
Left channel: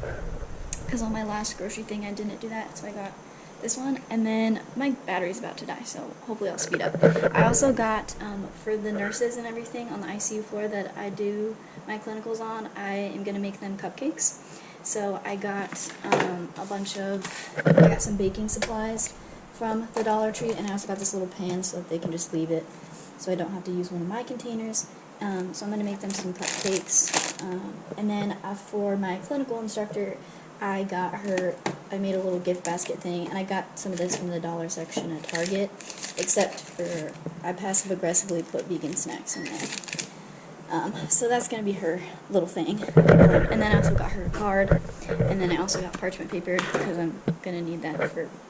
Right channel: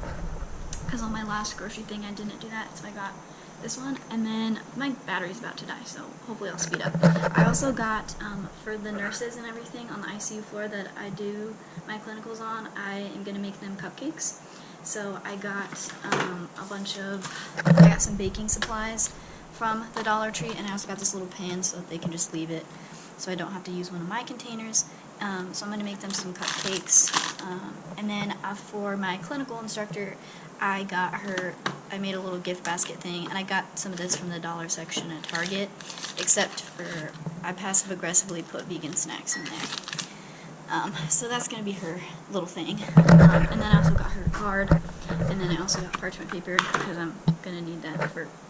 because on my last grocery thing I didn't do that, so I got this one. And then my battery's about to die, so hopefully I'll speed up. I also got, for the nurses and everything on the ICU floor that I do my clinicals on, I am going to make them cupcakes. So I got I got some baking supplies from the Dollar Tree, and I also got this little pan so that they can just leave it, so I don't have to use one of my containers. So I'm going to make them some cupcakes. And then for my clinical instructor, I made a little gift basket thing, and I got some of this from the dollar section at Target, except for I passive-aggressively put vegan snacks in there. So that's going to be her little thing. And then I also got her a card, and then I also got parchment paper, because I'm going to need that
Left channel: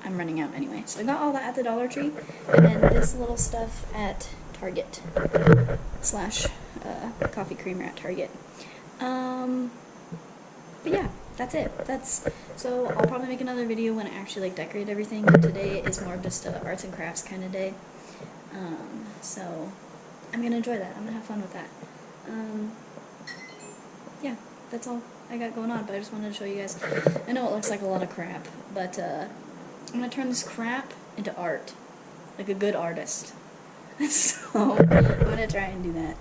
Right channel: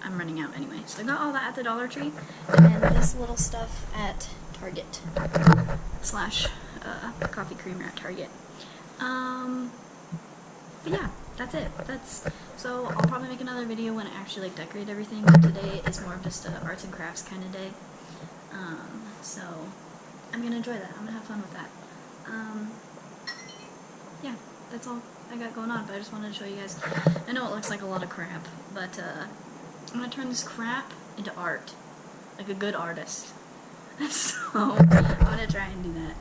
I'm running out anyway. So I got all that at the Dollar Tree, and then this little stuff at Target, / coffee creamer at Target. But yeah, that's it. So I'll probably make another video when I actually decorate everything, but today is more of just a arts and crafts kind of day. So I'm going to enjoy that. I'm going to have fun with that. Yeah, that's all I got going on, but I just wanted to show you guys. I know it looks like a lot of crap, but I'm going to turn this crap into art, like a good artist. So I'm going to try and do that.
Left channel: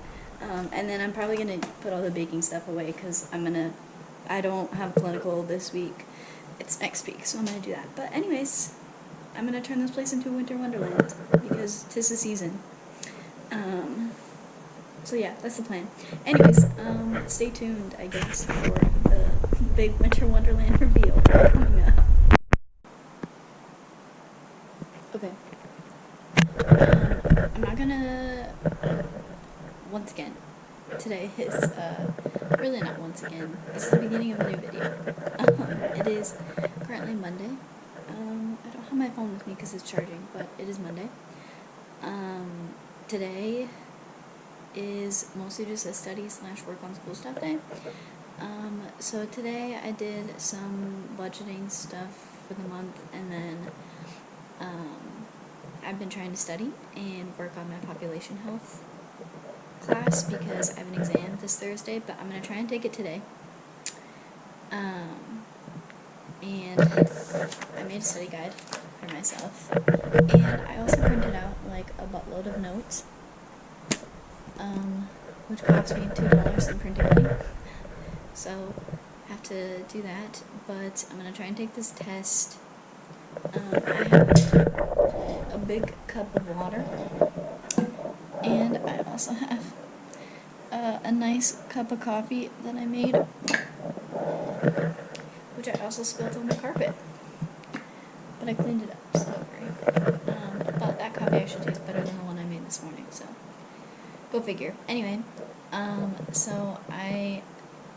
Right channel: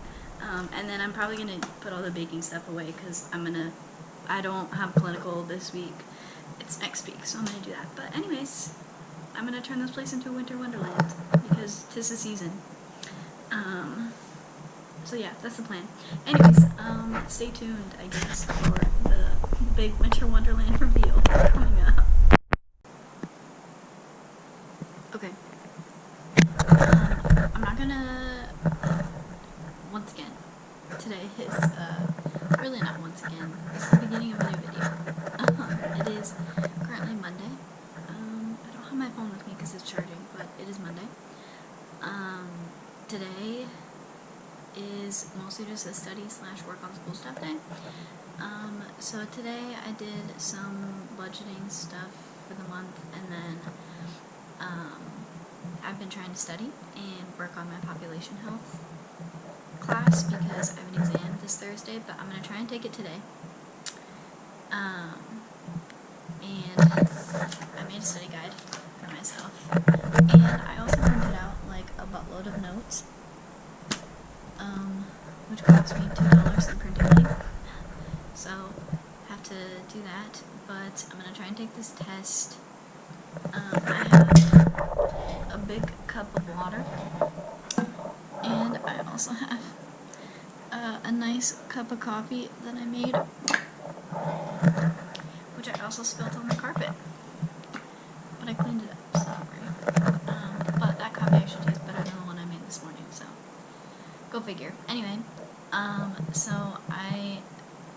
And then I'm probably going to put all the baking stuff away, because I don't have clinical this week. It's next week, so I'm going to do that. But anyways, I'm going to turn this place into a winter wonderland, because 'tis the season. So yeah, that's the plan. Anyways, stay tuned, I guess, for the big winter wonderland reveal coming up. Okay. I'm not gonna, once again, today is, really not once again, this is the beginning of a new video. It is currently Monday. I don't have my phone with me because it's charging, but it is Monday. Today is mostly just a study / work on school stuff day. So today I did some budgeting stuff for the month, and then I've been trying to study and work on my population health class, because I have an exam this Thursday, but I'm going to try and take it today. And I made a study guide for myself, and I also printed out like a buttload of notes, which cost me $2 in printing money, so I have to do that. But I'm going to try and take this test. I have a big cup of water, and I also have a nice cup of coffee that I made, which I also spilled on the carpet, but I cleaned it up, so don't worry. But that coffee actually tastes better than the one I made this morning, so go figure. Anyway, so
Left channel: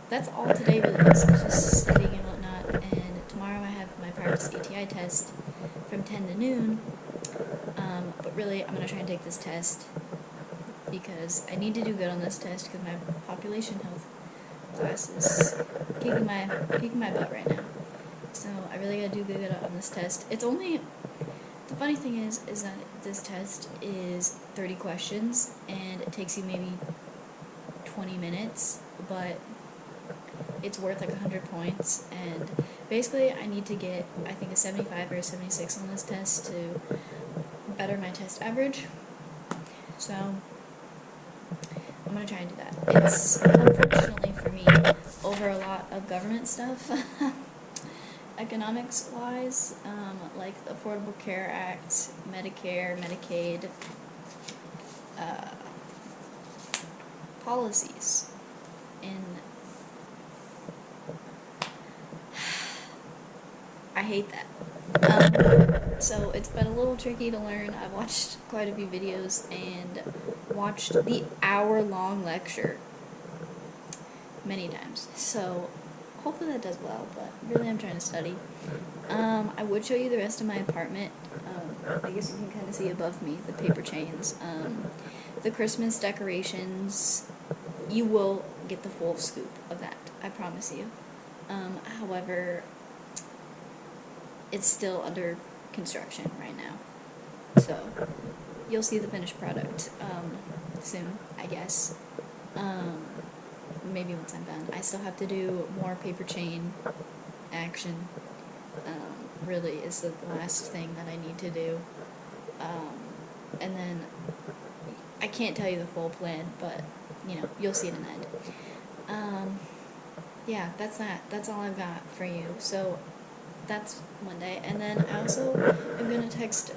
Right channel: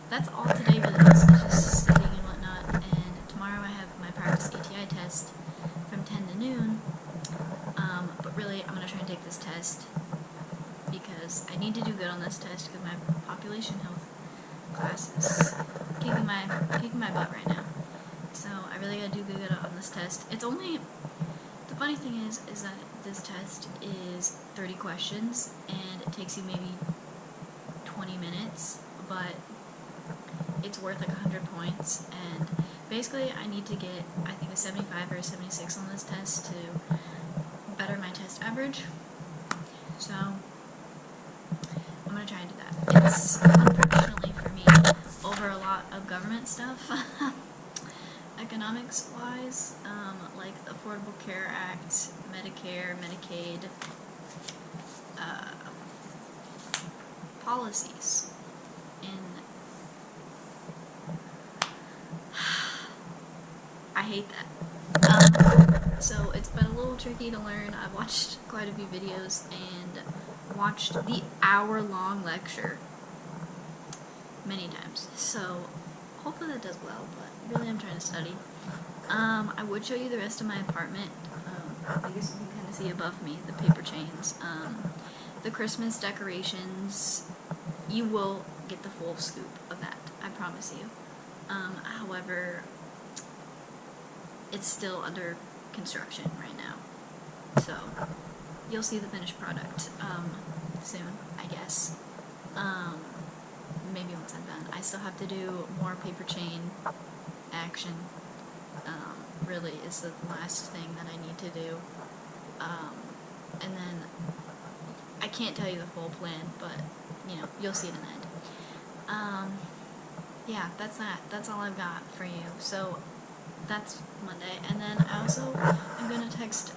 that's all today really is, just studying and whatnot, and tomorrow I have my practice ATI test from 10 to noon, but really I'm going to try and take this test because I need to do good on this test, because my population health class is kicking my butt right now. So I really gotta do good on this test. It's only, the funny thing is that this test is 30 questions and it takes you maybe 20 minutes, but it's worth like 100 points. And basically I need to get, I think, a 75 or a 76 on this test to better my test average. So I'm gonna try and do that. It's, unfortunately for me, over a lot of government stuff, economics wise, like the Affordable Care Act, Medicare, Medicaid, policies. And I hate that. So it's been a little tricky to learn. I've watched quite a few videos and watched the hour-long lecture many times. So hopefully that does well, but really I'm trying to study. I would show you the rest of my apartment. I guess you can kind of see above me the paper chains. The Christmas decorations, you will get the full scoop of that, I promise you. However, it's still under construction right now. So you'll see the finished product soon, I guess. Maybe once I'm done. I still have to do more paper chain action. Really is the last thing that I need to do. And then I can't tell you the full plan, but you know, you'll see it in the end. Yeah, that's that. That's all I've got for you. So that's Monday. And then I also am going to text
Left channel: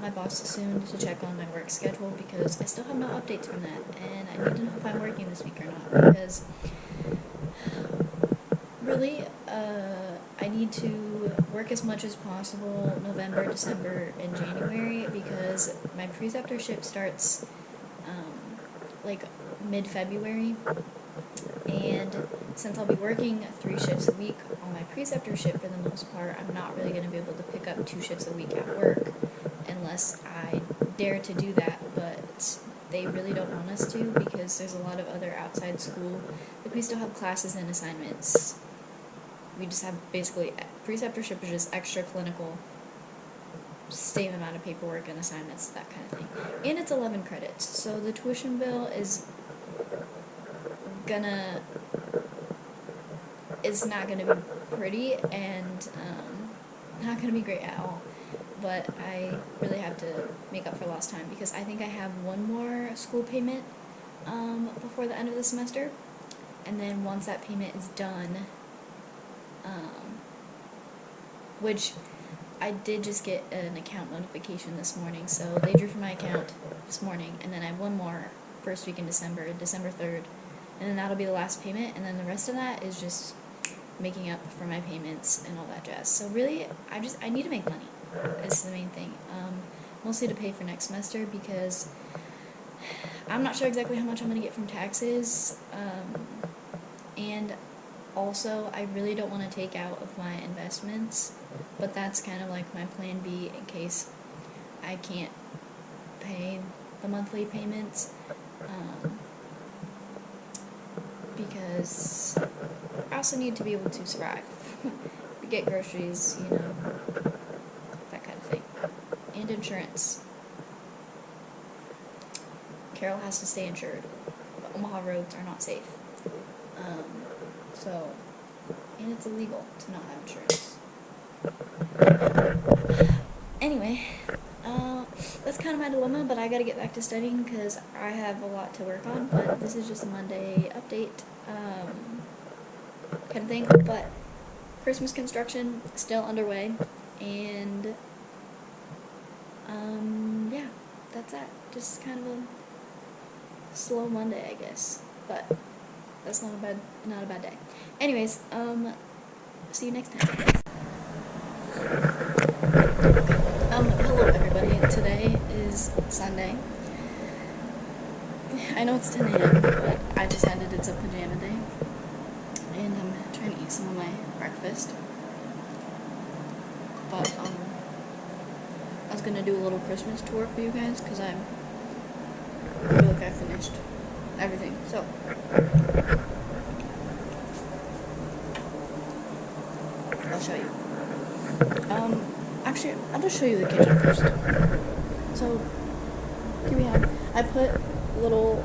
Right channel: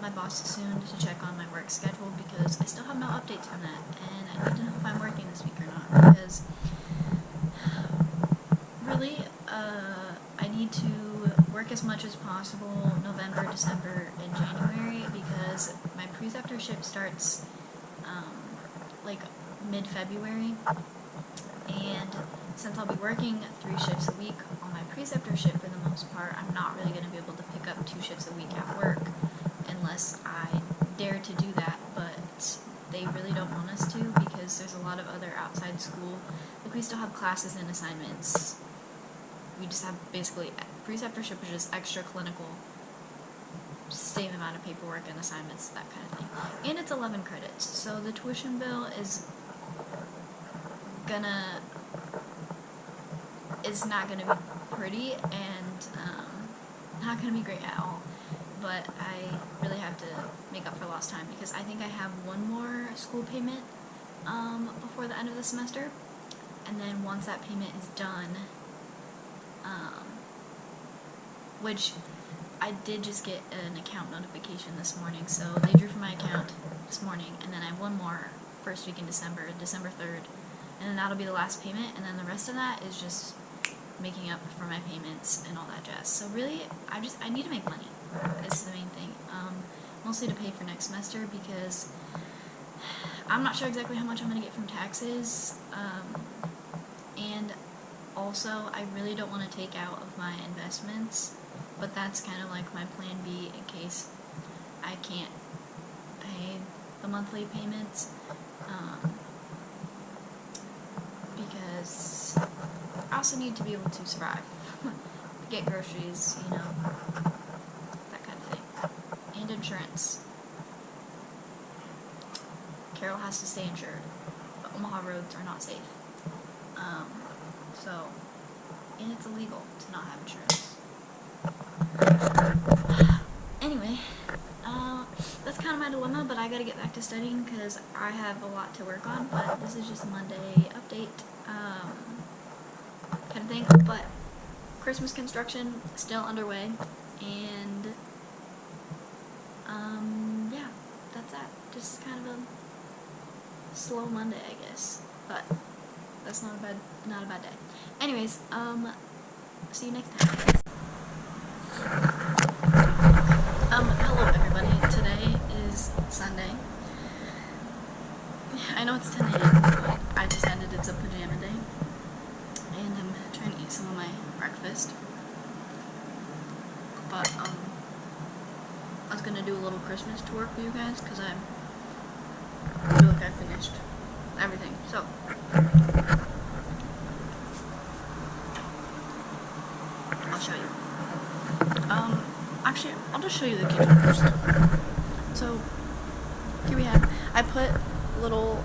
my boss soon to check on my work schedule because I still have no updates from that. And I need to know if I'm working this week or not because really I need to work as much as possible November, December, and January because my preceptorship starts like mid-February. And since I'll be working 3 shifts a week on my preceptorship for the most part, I'm not really going to be able to pick up 2 shifts a week at work unless I dare to do that, but they really don't want us to because there's a lot of other outside school, like we still have classes and assignments. We just have basically, preceptorship is just extra clinical, same amount of paperwork and assignments, that kind of thing. And it's 11 credits, so the tuition bill is it's not gonna be pretty and not gonna be great at all, but I really have to make up for lost time because I think I have one more school payment before the end of the semester, and then once that payment is done, which I did just get an account notification this morning, so they drew from my account this morning, and then I have one more first week in December 3rd, and then that'll be the last payment, and then the rest of that is just making up for my payments and all that jazz. So really, I need to make money, is the main thing. Mostly to pay for next semester, because I'm not sure exactly how much I'm going to get from taxes, and also, I really don't want to take out of my investments, but that's kind of like my plan B in case I can't pay the monthly payments, because I also need to be able to survive, get groceries, you know, that kind of thing, and insurance. Carol has to stay insured, but Omaha roads are not safe. So, and it's illegal to not have insurance. Anyway, that's kind of my dilemma, but I gotta get back to studying because I have a lot to work on, but this is just a Monday update, kind of thing. But Christmas construction still underway, and, yeah, that's that. Just kind of a slow Monday, I guess, but that's not a bad day. Anyways, see you next time, I guess. Hello everybody. Today is Sunday. I know it's 10 a.m., but I decided it's a pajama day, and I'm trying to eat some of my breakfast. But I was gonna do a little Christmas tour for you guys because I feel like I finished everything. So I'll show you. Actually, I'll just show you the kitchen first. So, here we have, I put little,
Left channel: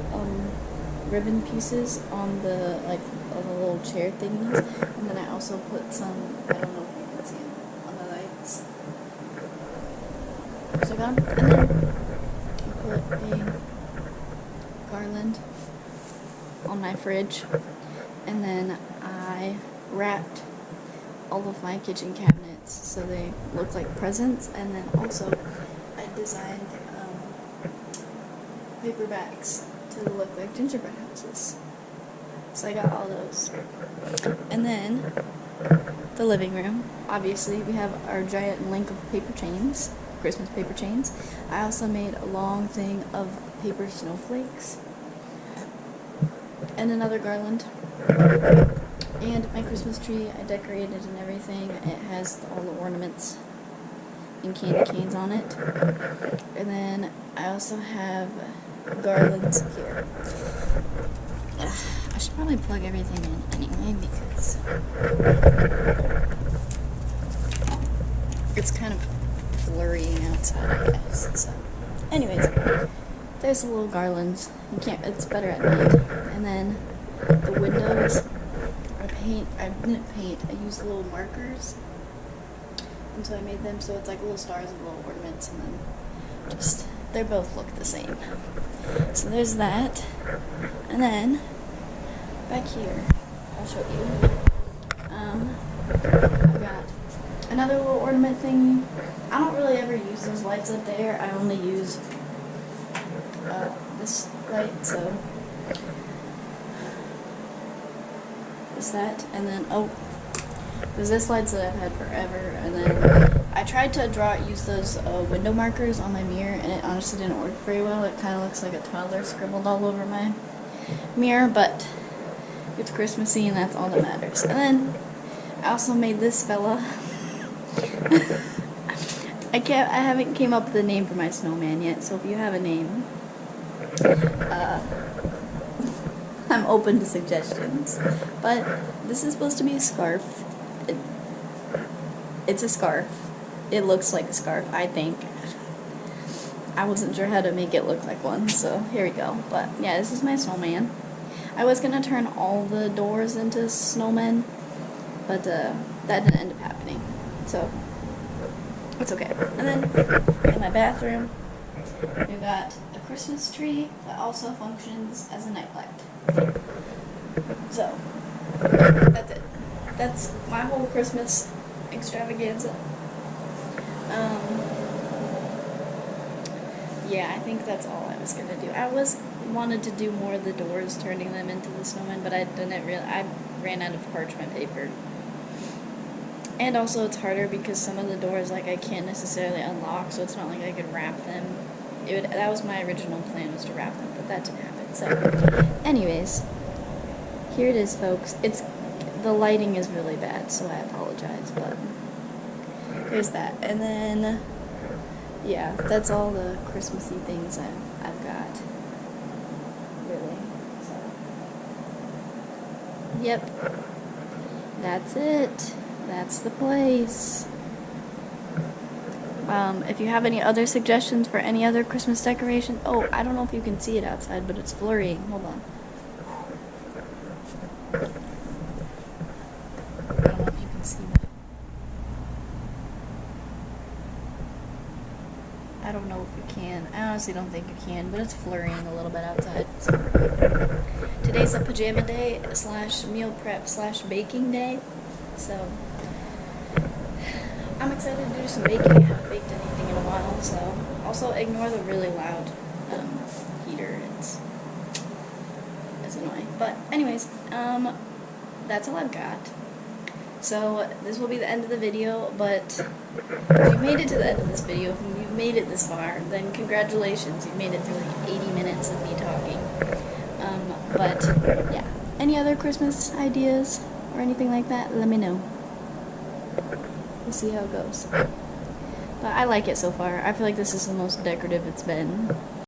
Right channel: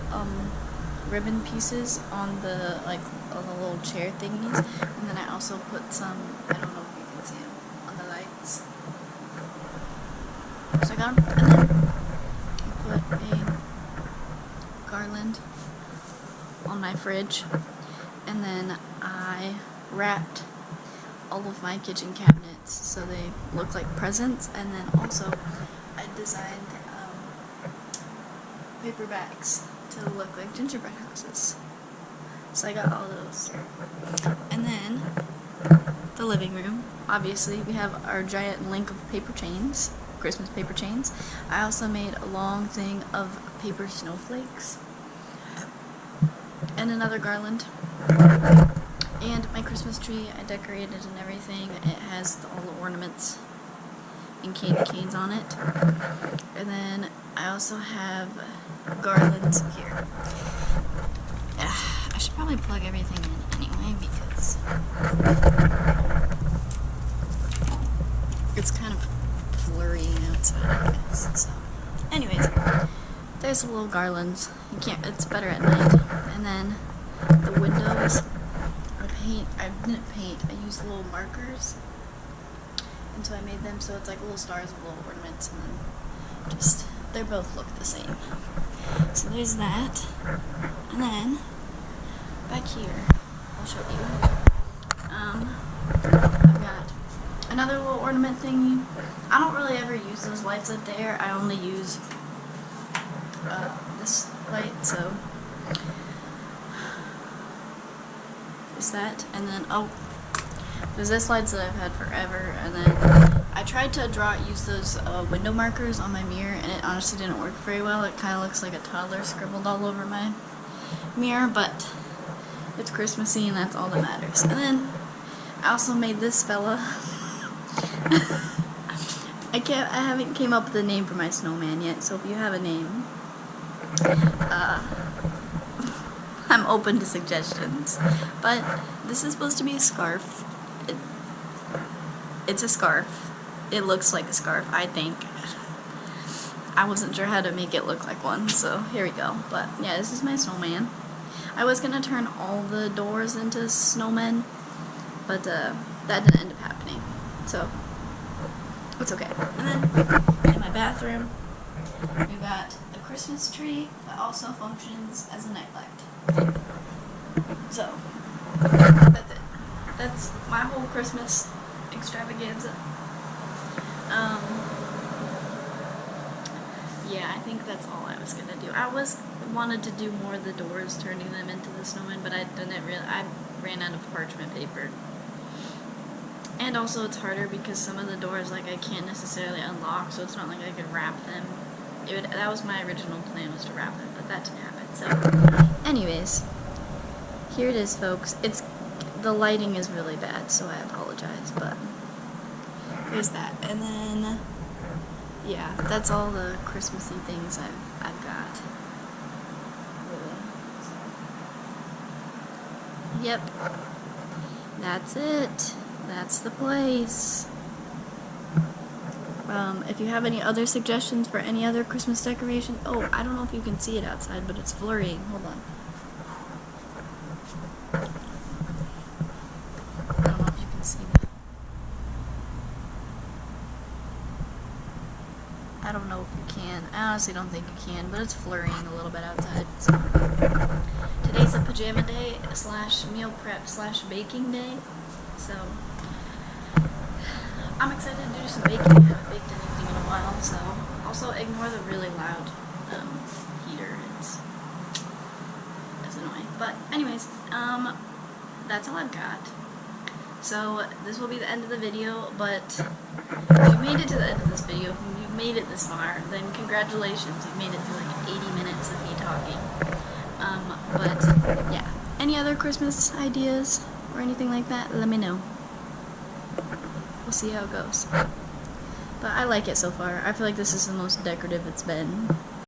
ribbon pieces on the, on the little chair thingies, and then I also put some, I don't know if you can see them, on the lights. So I got them, and then I put a garland on my fridge, and then I wrapped all of my kitchen cabinets so they look like presents, and then also I designed paper bags to look like gingerbread houses. So I got all those. And then the living room, obviously we have our giant link of paper chains, Christmas paper chains. I also made a long thing of paper snowflakes and another garland. And my Christmas tree, I decorated and everything. It has all the ornaments and candy canes on it. And then I also have garlands here. I should probably plug everything in anyway because it's kind of flurrying outside, I guess. So, anyways, there's the little garlands. You can't. It's better at night. And then the windows. I didn't paint. I used little markers, and so I made them so it's like little stars with little ornaments, and then just they both look the same. So there's that, and then back here, I'll show you. I've got another little ornament thingy. I don't really ever use those lights up there. I only use this light, so there's that. And then, oh, there's this lights that I've had forever, and then I tried to use those window markers on my mirror, and it honestly didn't work very well. It kind of looks like a toddler scribbled all over my mirror, but it's Christmassy, and that's all that matters. And then I also made this fella. I haven't came up with a name for my snowman yet, so if you have a name, I'm open to suggestions. But this is supposed to be a scarf. It's a scarf. It looks like a scarf, I think. I wasn't sure how to make it look like one, so here we go. But yeah, this is my snowman. I was gonna turn all the doors into snowmen, but that didn't end up happening. So it's okay. And then in my bathroom, we've got a Christmas tree that also functions as a nightlight. So that's it. That's my whole Christmas extravaganza. Yeah, I think that's all I was gonna do. I wanted to do more of the doors, turning them into the snowman, but I ran out of parchment paper. And also it's harder because some of the doors, like, I can't necessarily unlock, so it's not like I could wrap them. That was my original plan, was to wrap them, but that didn't happen. So, anyways, here it is, folks. The lighting is really bad, so I apologize, but there's that. And then, yeah, that's all the Christmassy things I've got, really. So, yep, that's it. That's the place. If you have any other suggestions for any other Christmas decorations, oh, I don't know if you can see it outside, but it's flurrying. Hold on. I don't know if you can see that. I don't know if you can. I honestly don't think you can, but it's flurrying a little bit outside. So. Today's a pajama day / meal prep / baking day, so I'm excited to do some baking. I haven't baked anything in a while, so also ignore the really loud heater. It's annoying. But anyways, that's all I've got. So this will be the end of the video, but if you made it to the end of this video, if you've made it this far, then congratulations. You've made it through like 80 minutes of me talking. But yeah, any other Christmas ideas or anything like that, let me know. We'll see how it goes. But I like it so far. I feel like this is the most decorative it's been.